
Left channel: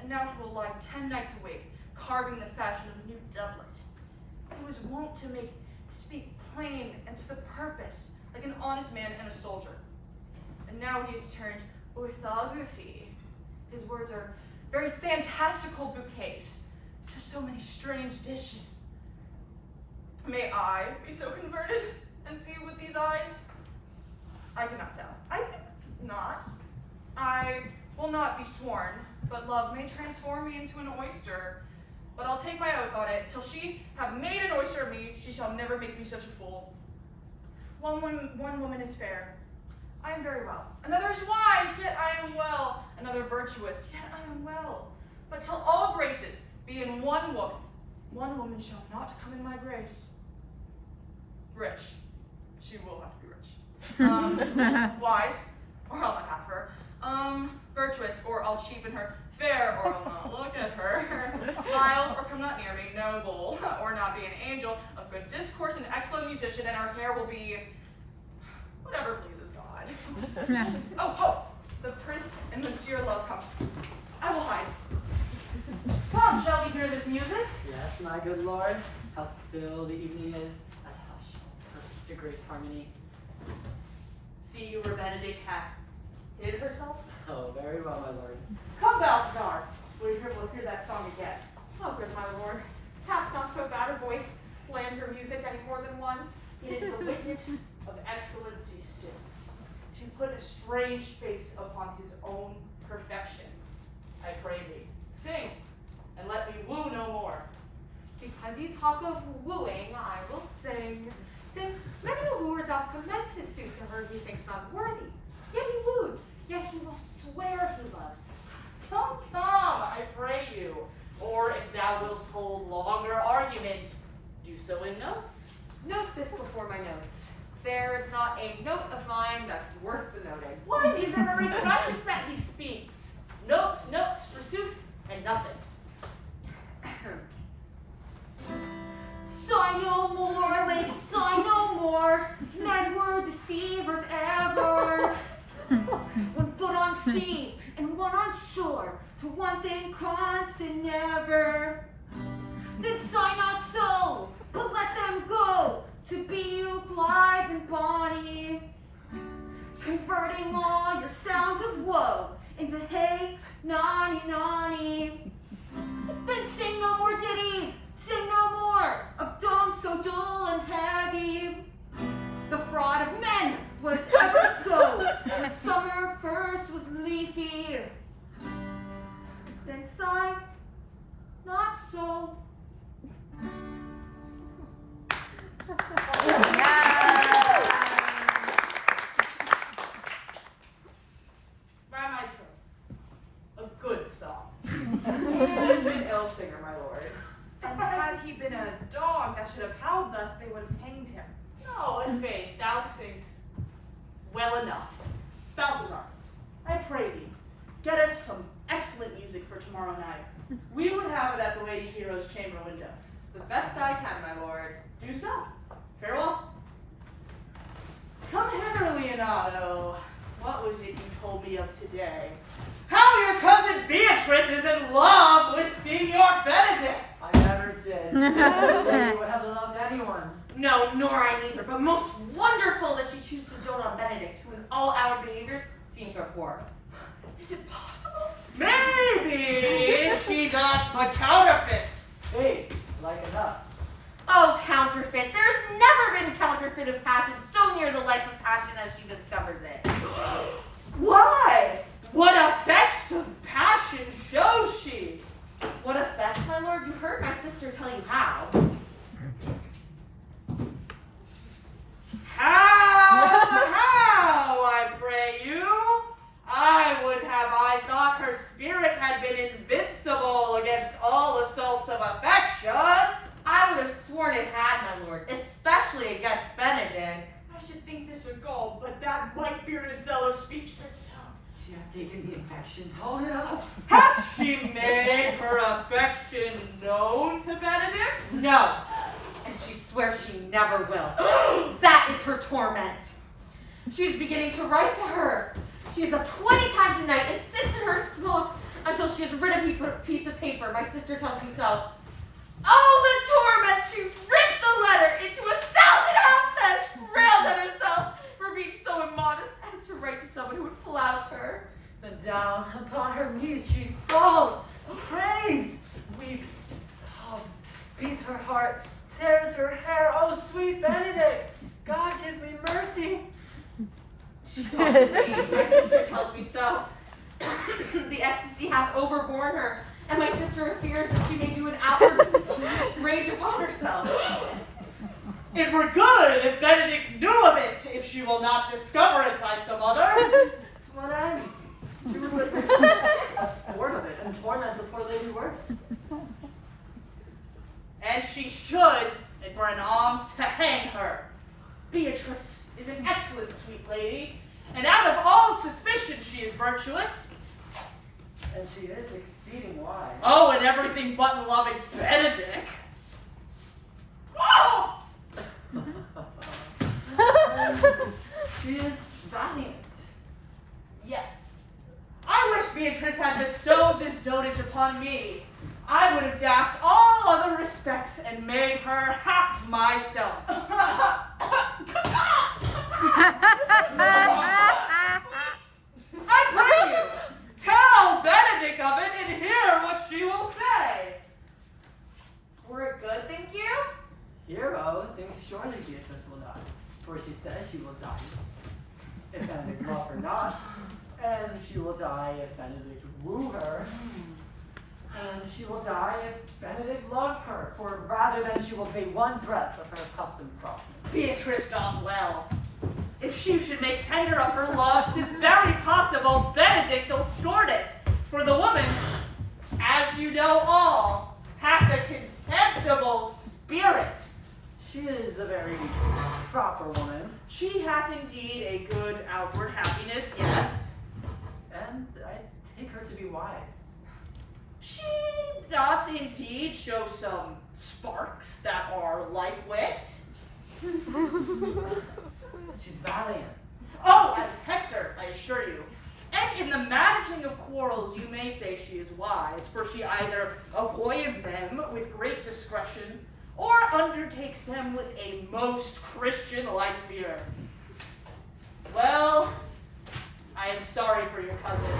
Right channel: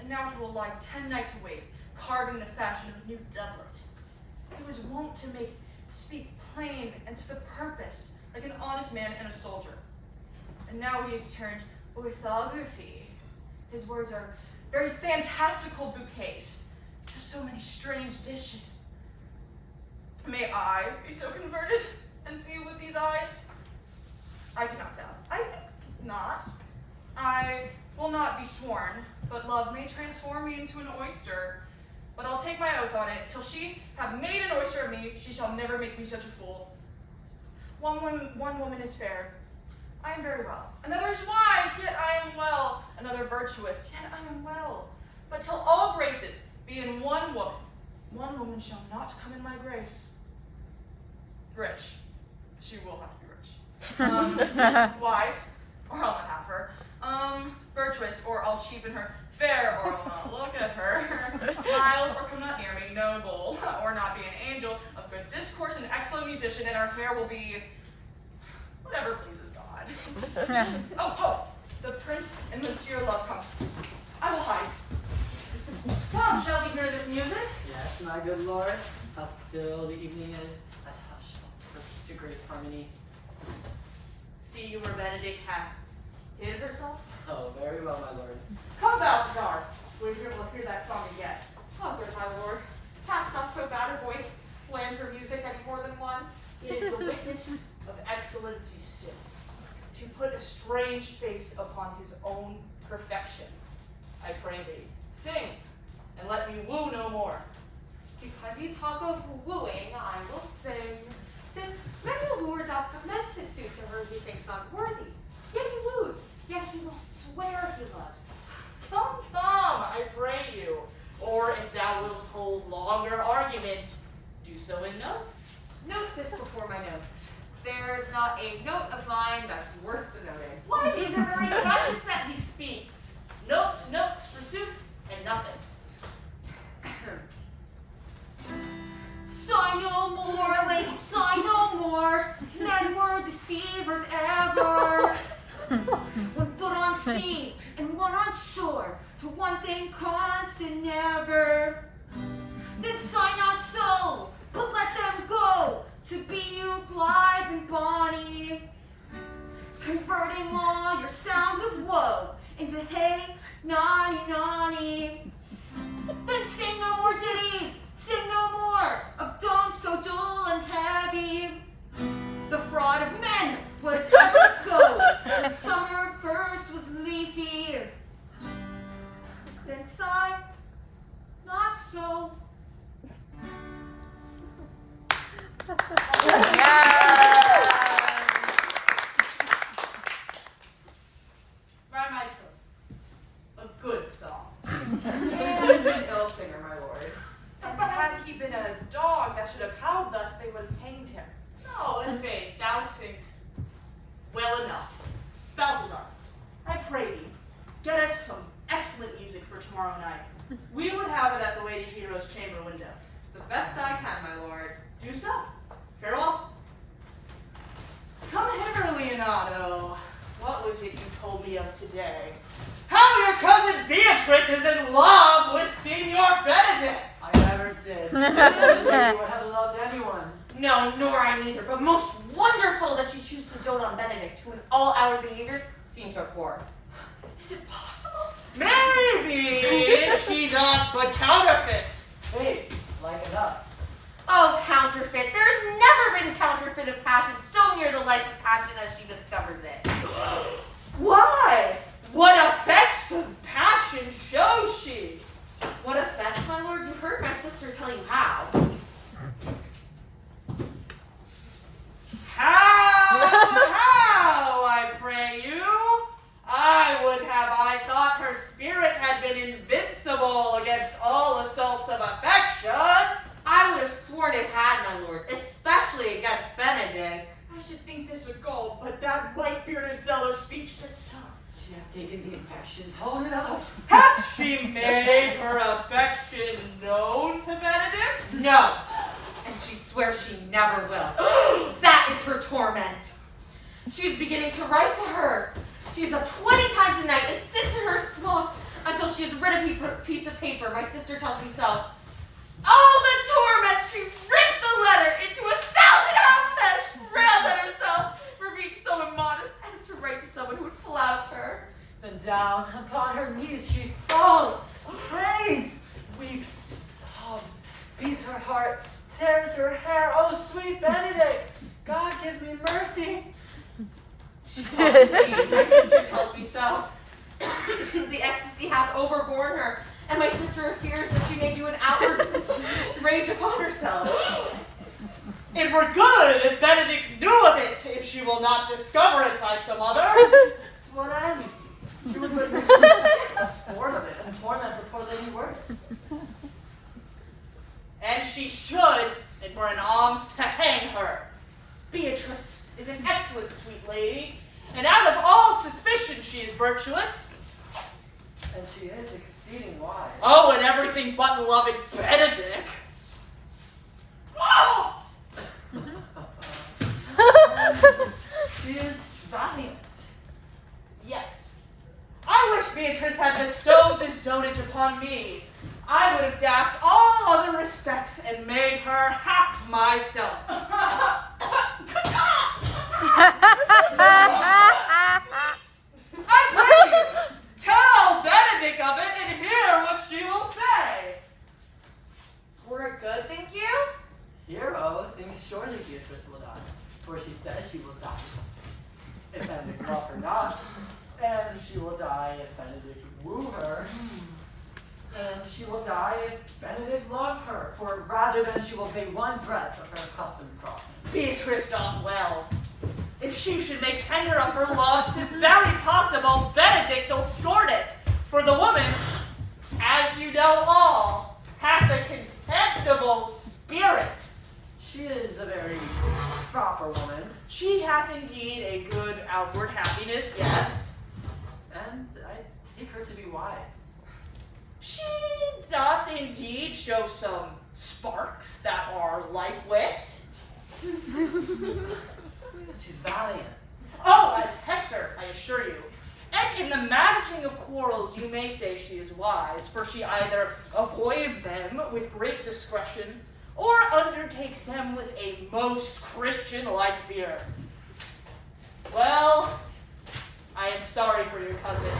and now he will lie 10 nights awake, carving the fashion of a new doublet. He was wont to speak plain and to the purpose, like an honest man and a soldier. And now he is turned orthography. His words are very fantastical bouquets to so many strange dishes. May I be so converted and see with these eyes? I cannot tell. I think not. I will not be sworn, but love may transform me into an oyster. But I'll take my oath on it, till she have made an oyster of me, she shall never make me such a fool. One woman is fair, I am very well. Another is wise, yet I am well. Another virtuous, yet I am well. But till all graces be in one woman shall not come in my grace. Rich, she will have to be rich. Wise, or I'll not have her. Virtuous, or I'll cheapen her. Fair, or I'll not look at her. Mild, or come not near me. Noble, or not be an angel. Of good discourse, an excellent musician, and our hair will be whatever pleases God. Oh, the prince and Monsieur Love come. I will hide. Come, shall we hear this music? Yes, my good lord. How still the evening is, as hush shall purpose to grace harmony. See you where Benedict hath hid herself? Oh, very well, my lord. Come, Balthazar. We'll hear that song again. Oh, good my lord. Tat's not so bad a voice to slander music any more than once. It is the witness of excellency still, to put a strange face upon his own perfection. I pray thee, sing, and let me woo no more. Because you talk of wooing, I will sing. Since many a wooer doth commence his suit to her he thinks not worthy, yet he woos, yet he will swear he loves. Come, I pray you. Or if thou wilt hold longer argument, do so in notes. Note this before my notes. There is not a note of mine that's worth the noting. Why, these are very questions that he speaks. Notes, forsooth, and nothing. Sigh no more, lady, sigh no more. Men were deceivers ever. One foot on sea and one on shore, to one thing constant never. Then sigh not so, but let them go, to be you blithe and bonny, converting all your sounds of woe into hey, nonny, nonny. Then sing no more ditties, sing no more of donks so dull and heavy. The fraud of men was ever so, when summer first was leafy. Then sigh, not so. By my troth, a good song. And an ill singer, my lord. And had he been a dog that should have howled thus, they would have hanged him. No, in faith, thou singst well enough. Balthazar, I pray thee, get us some excellent music for tomorrow night. We would have it at the Lady Hero's chamber window. The best I can, my lord. Do so. Farewell. Come hither, Leonardo. What was it you told me of today? How your cousin Beatrice is in love with Signor Benedict. I never did. I never you would have loved anyone. No, nor I neither, but most wonderful that you choose to dote on Benedict, who in all our behaviors seem to abhor. Is it possible? Maybe is she not but counterfeit? Hey, like enough. Oh, counterfeit. There's never been counterfeit of passion so near the life of passion as she discovers it. Why? What effects of passion shows she? What effects, my lord? You heard my sister tell you how. How, I pray you? I would have I thought her spirit had been invincible against all assaults of affection. should. I would have sworn it had, my lord, especially against Benedict. I should think this a gall, but that white-bearded fellow speaks it so. She have taken the infection. Hold it up. Hath she made her affection known to Benedict? No, and she swears she never will. That is her torment. She's beginning to write to her. She is up 20 times a night and sits in her smoke until she has written a piece of paper. My sister tells me so. Oh, the torment! She ripped the letter into 1,000 alphabets, railed at herself for being so immodest as to write to someone who would flout her. Then down upon her knees she falls, prays, weeps, sobs, beats her heart, tears her hair. Oh, sweet Benedict, God give me mercy. My sister tells me so. The ecstasy hath overborne her, and my sister fears that she may do an outward rage upon herself. It were good if Benedict knew of it, if she will not discover it by some other. To what ends? She would make a sport of it and torment the poor lady worse. And she should, and for an alms to hang her. Beatrice is an excellent sweet lady, and out of all suspicion she is virtuous. And she is exceeding wise. Oh, and everything but beloved Benedict. Oh! She is valiant. Yes. I wish Beatrice had bestowed this dotage upon me. I would have daffed all other respects and made her half myself. I pray you, tell Benedict of it and hear what she will say. Were it good, think you? Hero thinks surely Beatrice will die, for she says she will die if Benedict love her not, and she will die if Benedict woo her, and she will die if Benedict love her, for rather than she will pay one breath of her accustomed crossing. Beatrice doth well. If she should make tender of her love, 'tis very possible Benedict'll scorn it, for the woman, as you know all, hath a contemptible spirit. She is a very proper woman, She hath indeed a good outward happiness, yes. and I take her to be wise. She doth indeed show some sparks that are like wit. She's valiant. Oh, as Hector, I assure you. And in the managing of quarrels, you may say she is wise, for she either avoids them with great discretion, or undertakes them with a most Christian-like fear. Well, I am sorry for your cousin.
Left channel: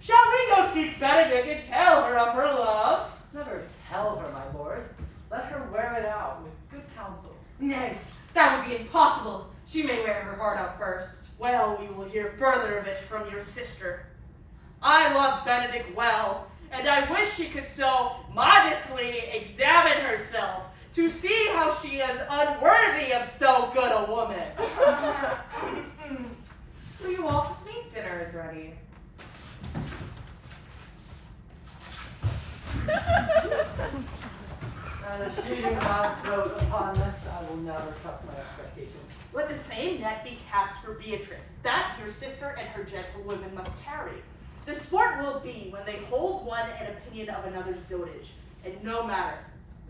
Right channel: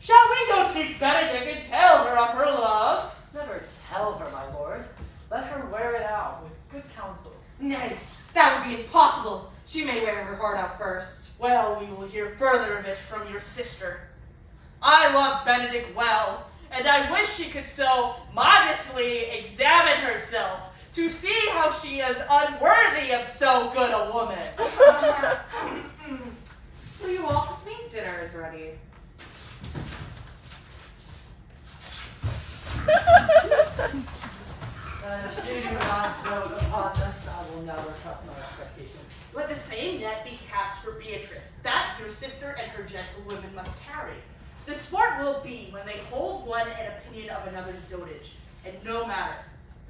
Shall we go seek Benedict and tell her of her love? Never tell her, my lord. Let her wear it out with good counsel. Nay, that would be impossible. She may wear her heart out first. Well, we will hear further of it from your sister. I love Benedict well, and I wish she could so modestly examine herself to see how she is unworthy of so good a woman. Will you walk with me? Dinner is ready. If she do not dote upon this, I will never trust my expectation. Let the same net be cast for Beatrice, that your sister and her gentlewomen must carry. The sport will be when they hold one an opinion of another's dotage, and no matter.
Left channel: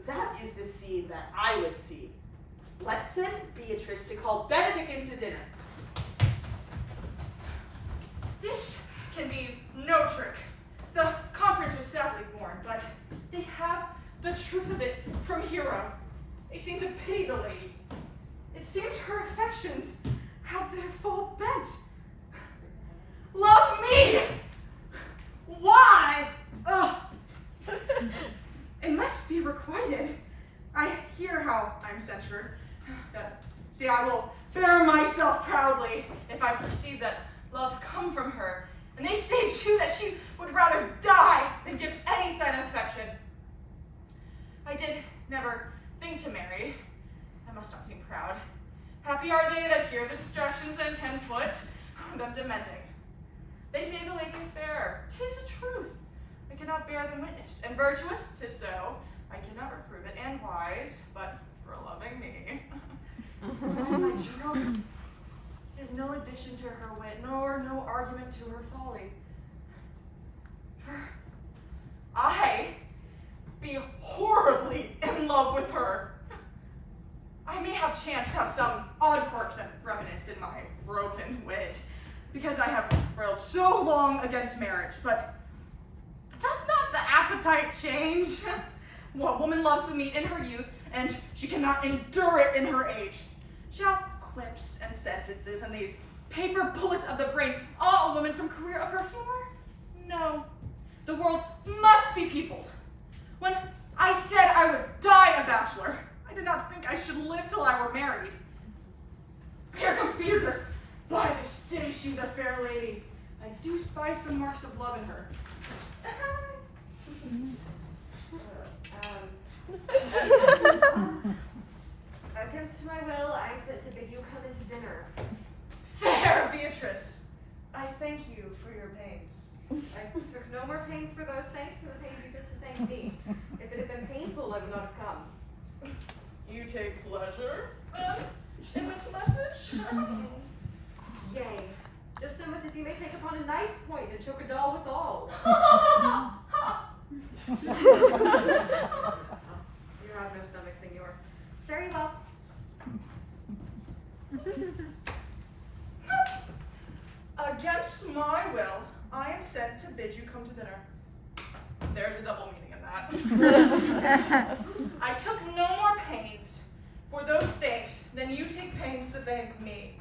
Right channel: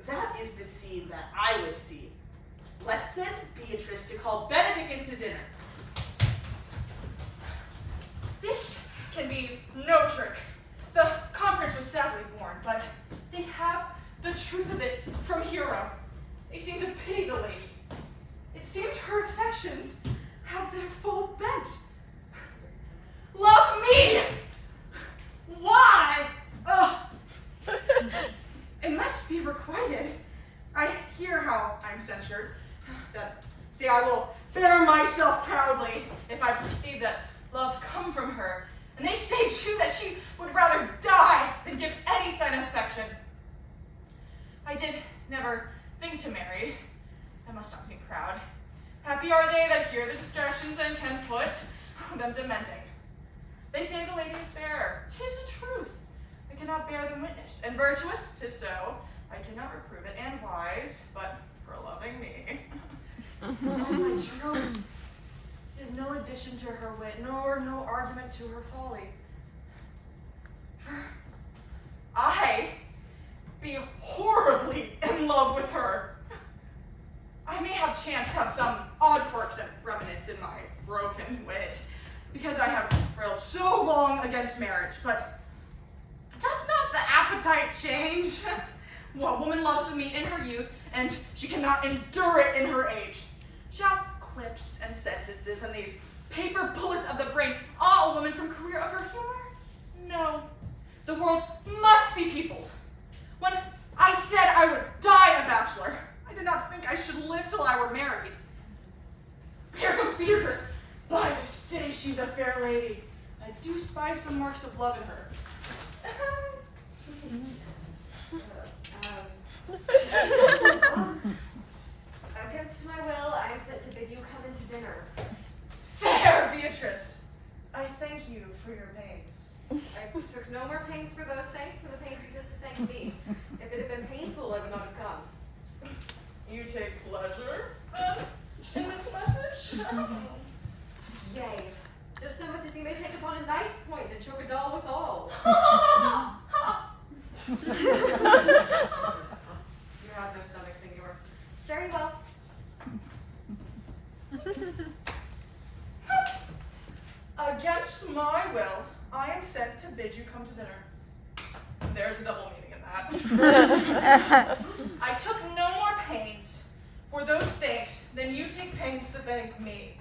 That is the scene that I would see. Let's send Beatrice to call Benedict into dinner. This can be no trick. The conference was sadly born, but they have the truth of it from Hero. They seem to pity the lady. It seems her affections have their full bent. Love me! Why? It must be requited. I hear how I'm censured. See, I will bear myself proudly if I perceive that love come from her. And they say too that she would rather die than give any sign of affection. I did never think to marry. I must not seem proud. Happy are they that hear the distractions and can put them to mending. They say the lady is fair. 'Tis a truth. I cannot bear them witness. And virtuous, 'tis so. I cannot reprove it, and wise, but for loving me. And my truth is no addition to her wit, nor no argument to her folly. For I be horribly in love with her. I may have chanced to have some odd quirks and remnants in my broken wit, because I have railed so long against marriage, but doth not the appetite change? What woman loves the meat in her youth, and she cannot endure it in her age? Shall quips and sentences and these paper bullets of the brain awe a woman from career of her humor? No. The world must be peopled. When I said I would die a bachelor, I did not think I should live till I were married. Here comes Beatrice. By this day she's a fair lady. I do spy some marks of love in her. Against my will, I am sent to bid you come into dinner. Fair Beatrice, I thank you for your pains. I took no more pains for those thanks than the pains you took to thank me. If it had been painful, I would not have come. You take pleasure in this message? Yea, just so much as you may take upon a knife's point and choke a doll withal. You have no stomach, senor. Very well. Against my will, I am sent to bid you come to dinner. There's a double meaning in that. I took no more pains for those things than you take pains to thank me.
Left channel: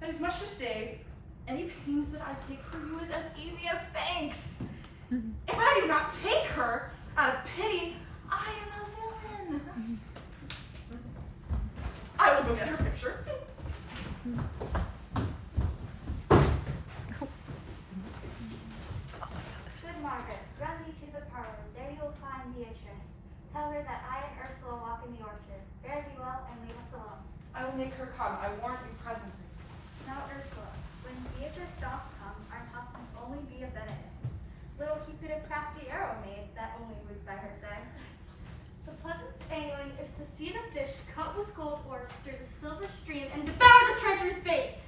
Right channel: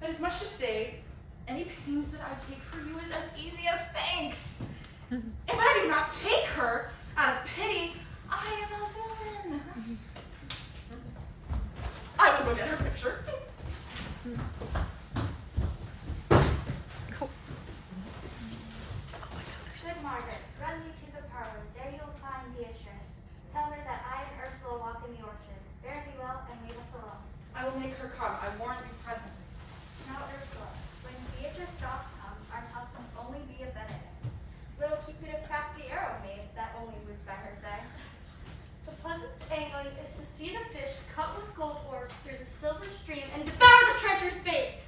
That is much to say, any pains that I take for you is as easy as thanks. If I do not take her out of pity, I am a villain. I will go get her picture. Good Margaret, run thee to the parlor. There you'll find Beatrice. Tell her that I and Ursula walk in the orchard. Fare thee well and leave us alone. I will make her come. I warrant you present. Now, Ursula, when Beatrice doth come, our talk must only be of Benedict. Little Cupid a crafty arrow made, that only broods by her side. The pleasant angling is to see the fish cut with gold oars through the silver stream and devour the treacherous bait.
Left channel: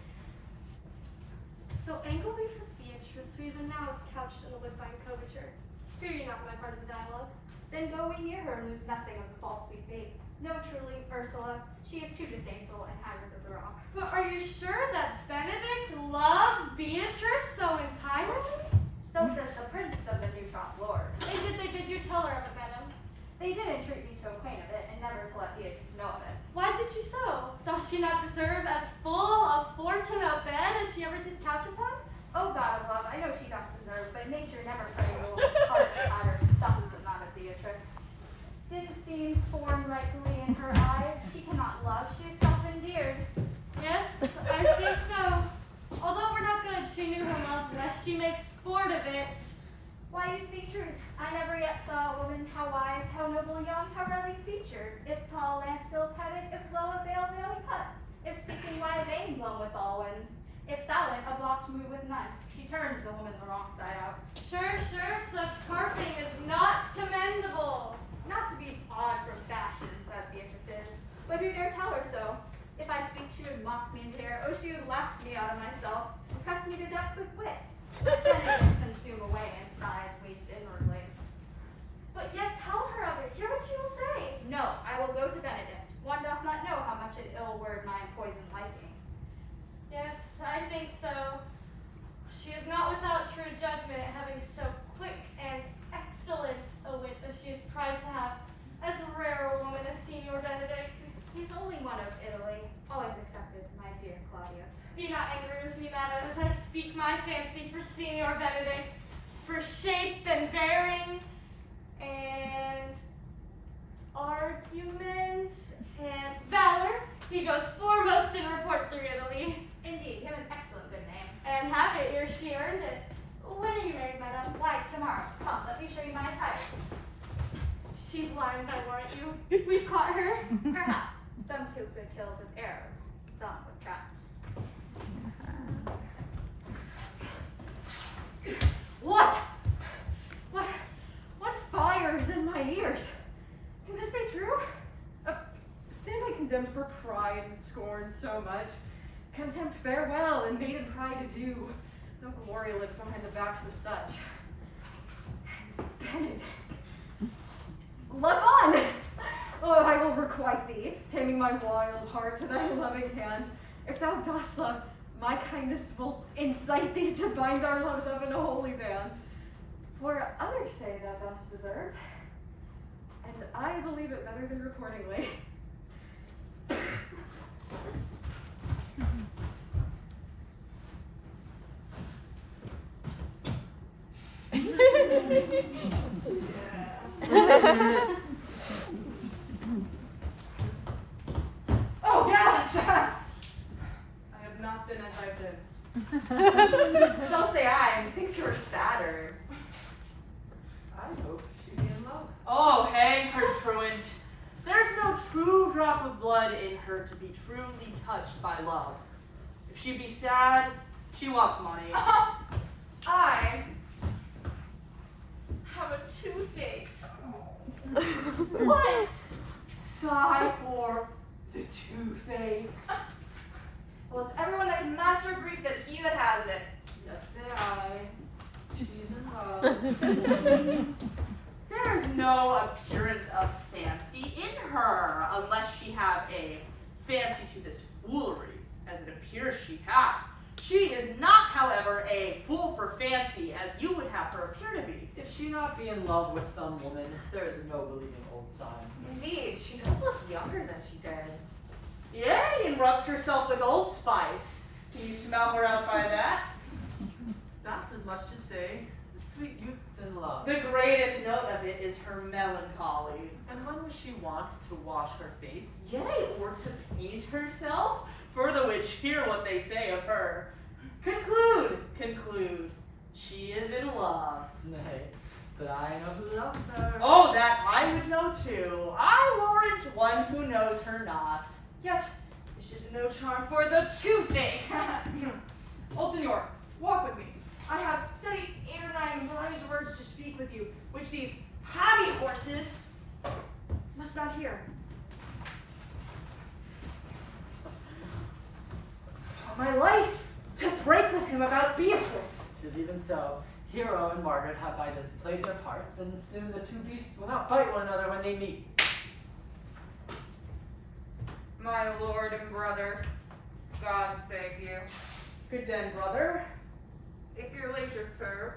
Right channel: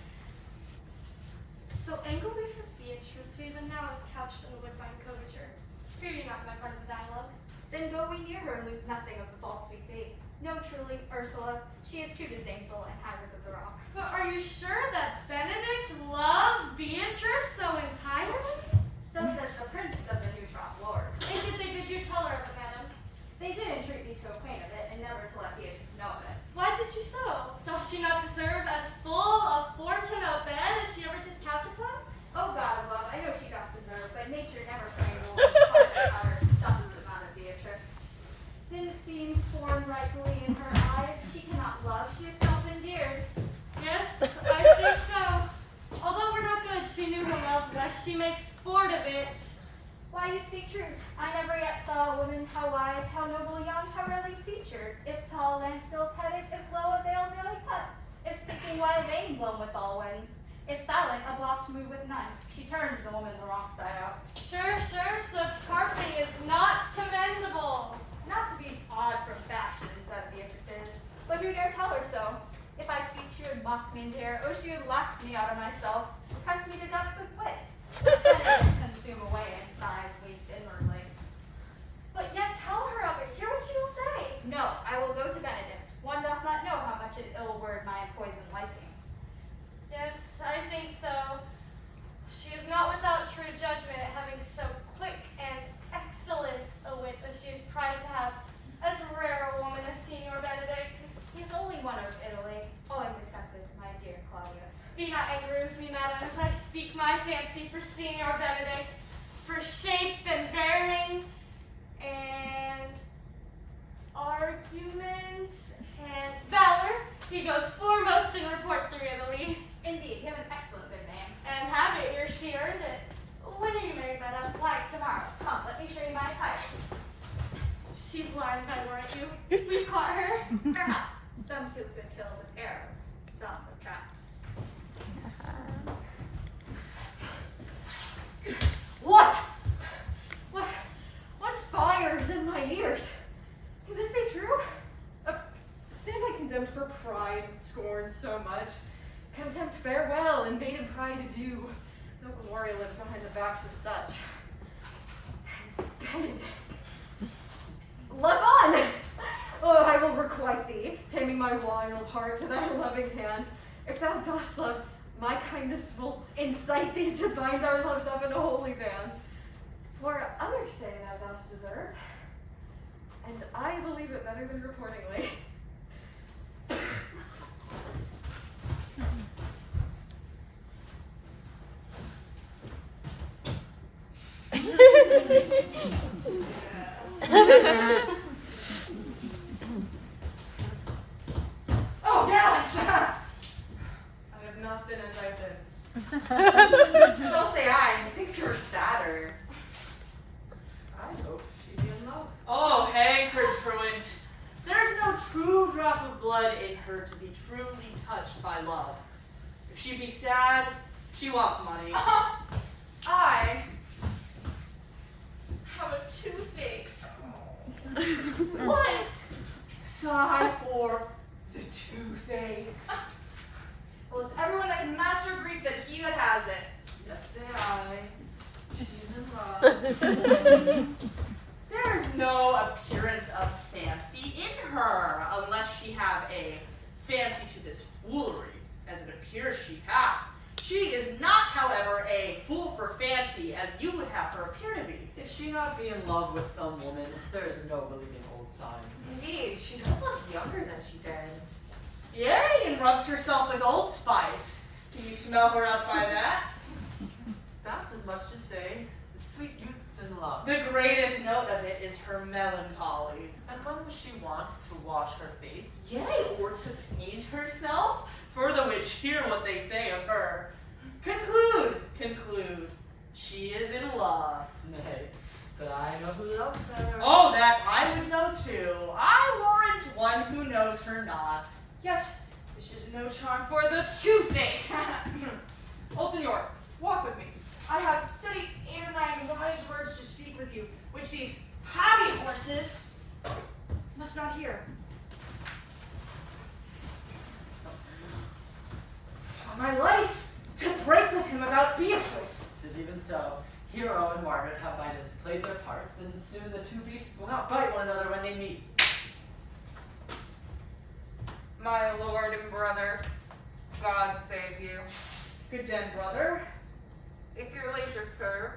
So angle we for Beatrice, who even now is couched in a woodbine coverture. Fear you not my part of the dialogue. Then go we near her and lose nothing of the false sweet bait. No, truly, Ursula, she is too disdainful and hybrids of the rock. But are you sure that Benedict loves Beatrice so entirely? So says the prince of the new trot lord. And did they bid you tell her of it, madam? They did entreat me to acquaint of it, and never to let Beatrice know of it. Why did you so? Doth she not deserve as full of fortune of bed as she ever did couch upon? Oh God above, I know she doth deserve, but nature never framed a woman's heart out of stuff but not of Beatrice. Didn't seem formed rightfully in her eyes. She cannot love, she is self-endeared. Yes, I think so. Although we're not good, she knew her love lest she makes sport of it. Why, you speak truth. I never yet saw a woman how wise, how noble young, how rarely featured, if tall and still headed, if low a veil merely cut, if speaking why vain blown with all winds, if silent a block to move with none. She turns the woman the wrong side out. Sure, such carping is not commendable. Not to be odd from fashions as Beatrice is, but who dare tell her so? If I speak, she would mock me and dare, or she would laugh me out of myself, and press me to death with wit. But then it would consume away and sighs waste inwardly. But yet tell her of it. Hear what she will say. No, I will go to Benedict. One doth not know how much an ill word my poison liking. Yes, I think so. She is not without true judgment at having so quick and excellent a wit as she is prized to have, as rare a woman as Signor Benedict. He's only one of Italy, always accepted, my dear Claudia. Be not angry with me, madam, as I speak my fancy for Signor Benedict, for shape and bearing, and argument, and valor. He goes foremost in report through Italy. Indeed, you have an excellent good name. And have it ere she earned it. When are you married, madam? Why, tomorrow. Come, let me show you my attire. She's lying, I warrant you. We've caught her. Perhaps. Some Cupid kills with arrows, some with traps. What? What fire is in my ears? condemned for pride and scorn so much. Contempt farewell, and maiden pride adieu. No glory lives behind the backs of such. And Benedict, love on! Oh, I will requite thee, taming my wild heart to thy loving hand. If thou dost love, my kindness will incite thee to bind our loves up in a holy band. For others say thou dost deserve, and I believe it better than reportingly. Oh, gallants! I have not been as I've been. So say I. Methinks you are sadder. I hope she be in love. Oh, hang her truant. There's no true drop of blood in her to be truly touched by love. If she be sad, she wants money. I have a toothache. What? Sigh for the toothache. Well, it's everyone that can master grief that he that has it. Yet say I, she's in love. There is no appearance of fancy in her, unless she have a fancy to this foolery, as it appears she hath. She is not, however, a fool for fancy, as you would have her appear to be. If she not be in love with some woman, there is no believing old signs. Indeed, she does look younger than she did. Yea, and rubs herself with Old Spice. Can you smell her out by that? That's as much to say, the sweet youth's in love. The greatest note of it is her melancholy. And when was she wont to wash her face? Yea, or to paint herself? For the which hear what they say of her. Conclude. She is in love. Nay, but I know who loves her. Oh, that I would know too. I warrant one who knows her not. Yet, this is no charm for the toothache. Old Senor, walk with me. I have studied 8 or 9 wise words to speak with you, which these hobby horses must not hear. For my life, to break with him about Beatrice. 'Tis even so. Hero and Margaret have by this played their parts, and soon the two beasts will not bite one another when they meet. My lord and brother, God save you. Good den, brother. If your leisure served,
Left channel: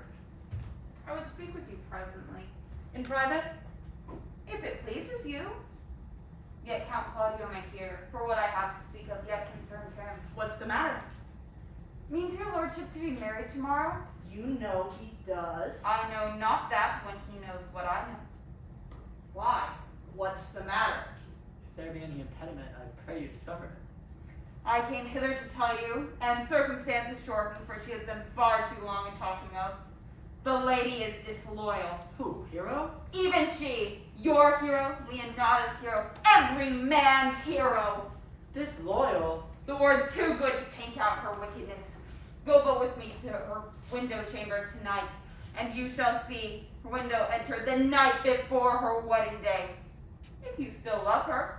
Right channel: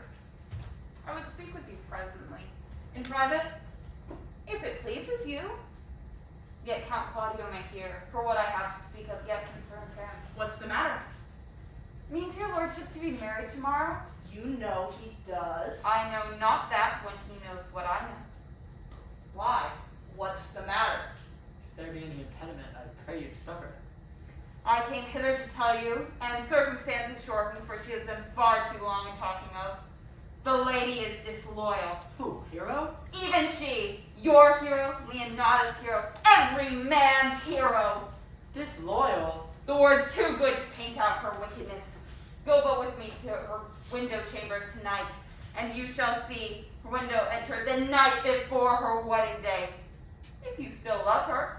I would speak with you presently, In private? if it pleases you. Yet Count Claudio may hear, for what I have to speak of yet concerns him. What's the matter? Means your lordship to be married tomorrow? You know he does. I know not that when he knows what I know. Why? What's the matter? If there be any impediment, I pray you discover it. I came hither to tell you, and circumstances shorten, for she has been far too long in talking of. The lady is disloyal. Who, Hero? Even she, your hero, Leonato's hero, every man's hero. Disloyal? The word's too good to paint out her wickedness. Go but with me to her window chamber tonight, and you shall see her window enter the night before her wedding day. If you still love her,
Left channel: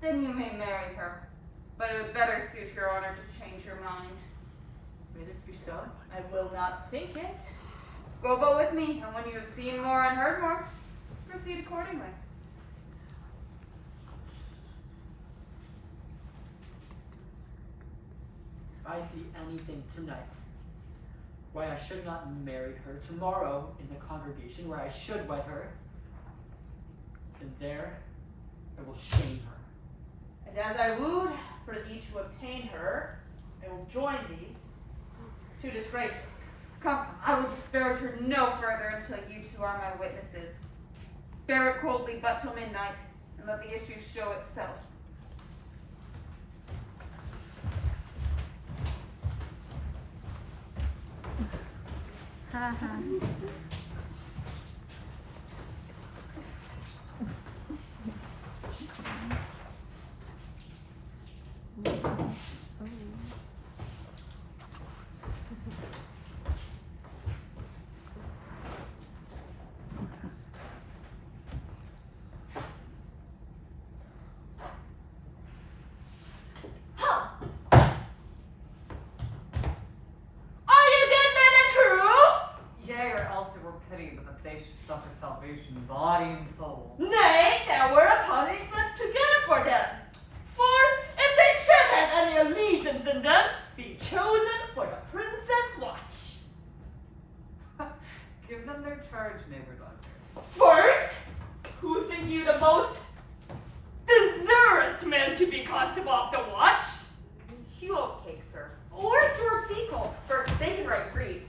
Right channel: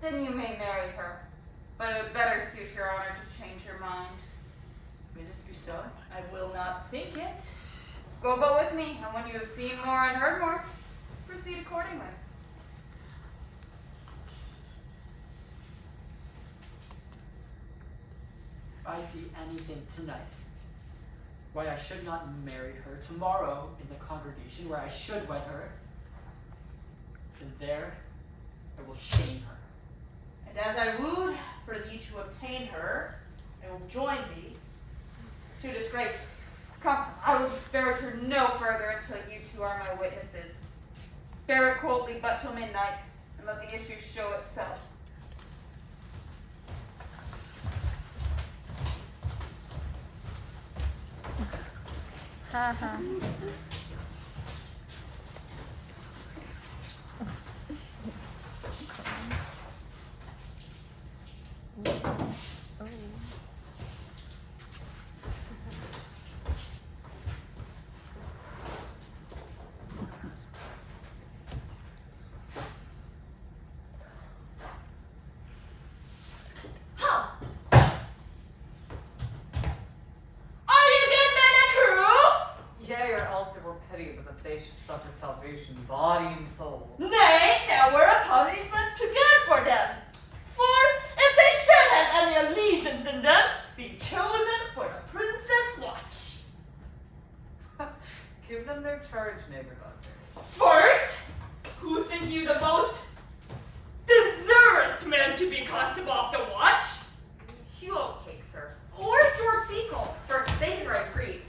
then you may marry her. But it would better suit your honor to change your mind. May this be so? I will not think it. Go but with me, and when you have seen more and heard more, proceed accordingly. If I see anything tonight, why I should not marry her tomorrow in the congregation where I should wed her, then there I will shame her. And as I wooed for thee to obtain her, I will join thee to disgrace her. Come, I will disparage her no further until you two are my witnesses. Bear it coldly but till midnight, and let the issue show itself. pity, but that they should suffer salvation, body and soul. Nay, there were a punishment too good for them. For if they should have any allegiance in them, be chosen for the princess' watch. Give them their charge, neighbor doctor. First, who think you the most deservest man to be constable of the watch? Hugh Oatcake, sir. Or George Sequel, for they can write Greek.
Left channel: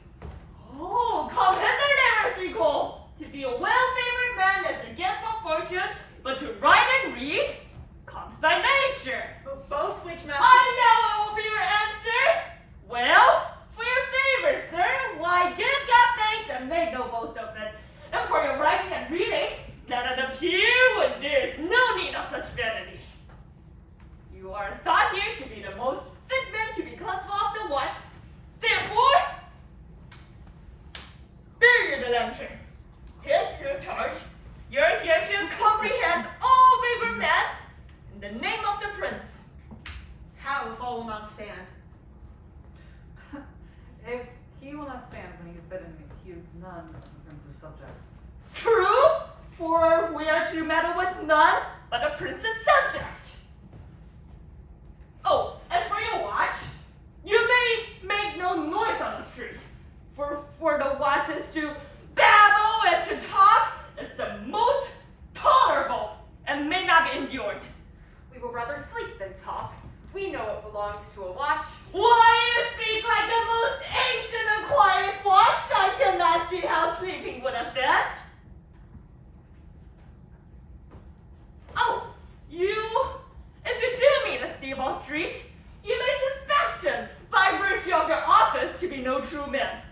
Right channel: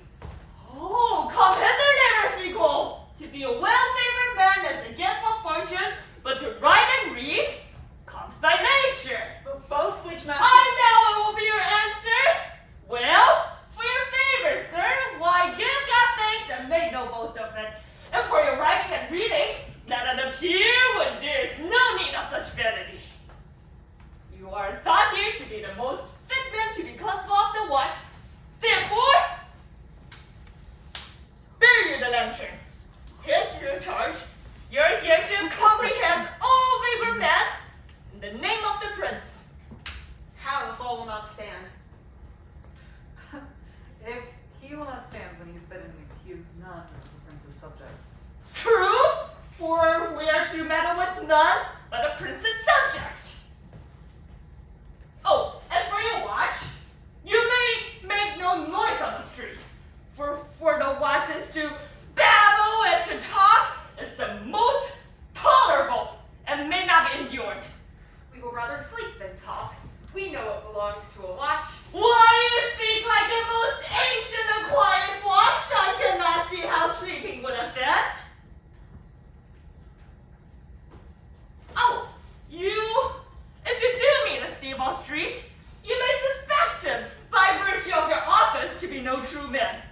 Oh, come hither, neighbor sequel. To be a well-favored man is a gift of fortune, but to write and read comes by nature. Both which master. I know it will be your answer. Well, for your favor, sir, why give God thanks and make no boast of it. And for your writing and reading, let it appear when there is no need of such vanity. You are thought here to be the most fit man to be constable of the watch. Therefore, bear you the lantern. Here's your charge. You're here to comprehend all favor men in the name of the prince. How if all will not stand? If he will not stand when he's bidden, he is none of the prince's subjects. True, for we are to meddle with none but the prince's subject. Oh, and for your watch, you may make no noise on the street, for the watch is to babble and to talk is the most tolerable and may not be endured. We will rather sleep than talk. We know what belongs to a watch. Why you speak like the most ancient and quiet watch? I cannot see how sleeping would affect. Oh, if you do meet a thief on street, you may suspect him by virtue of your office to be no true man.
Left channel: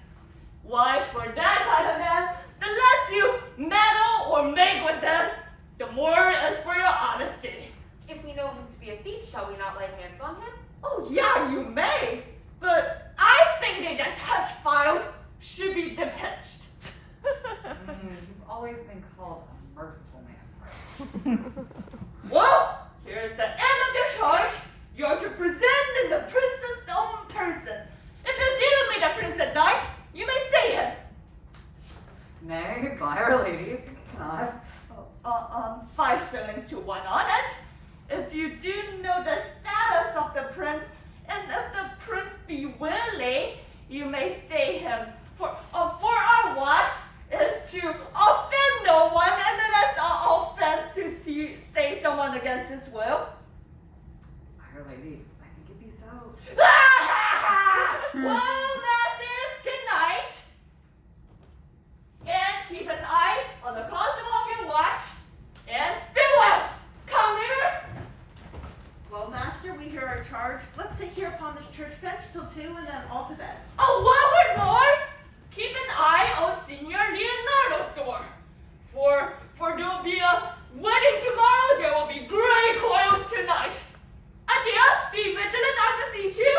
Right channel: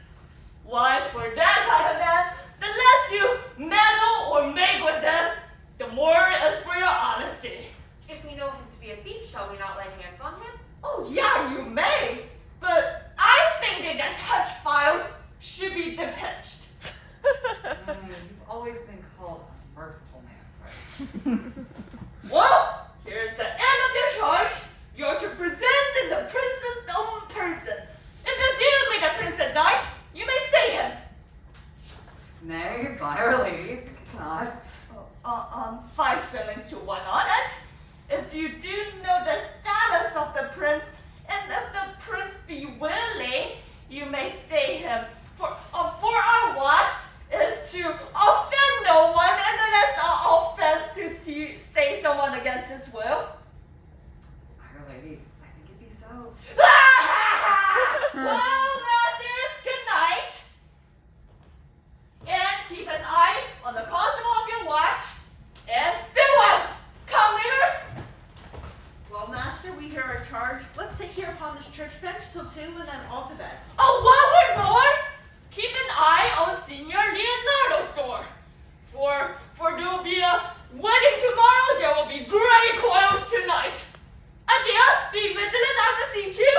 Why, for that kind of man, the less you meddle or make with them, the more is for your honesty. If we know him to be a thief, shall we not lay hands on him? Oh, yeah, you may, but I think that the touch filed should be depatched. You've always been called a merciful man, Carl. Well, here's the end of your charge. You're to present in the prince's own person. If you do meet a prince at night, you may stay him. Nay, by Our Lady, think it cannot. 5 shillings to 1 on it. If you do know the status of the prince, and if the prince be willing, you may stay him. For our watch is to offend no one, and it is an offense to stay someone against his will. Our Lady, I think it be so. Well, masters, good night. And keep an eye on the constable of your watch. And farewell. Come later. Well, master, we hear our charge. Let's sit here upon this church bench till 2 and then all to bed. Oh, one word more. Keep an eye on Signor Leonardo's door. For there will be a wedding tomorrow. There will be gray coils tonight. Adieu. Be vigilant. I will see you.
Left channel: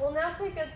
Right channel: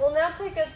We'll now take a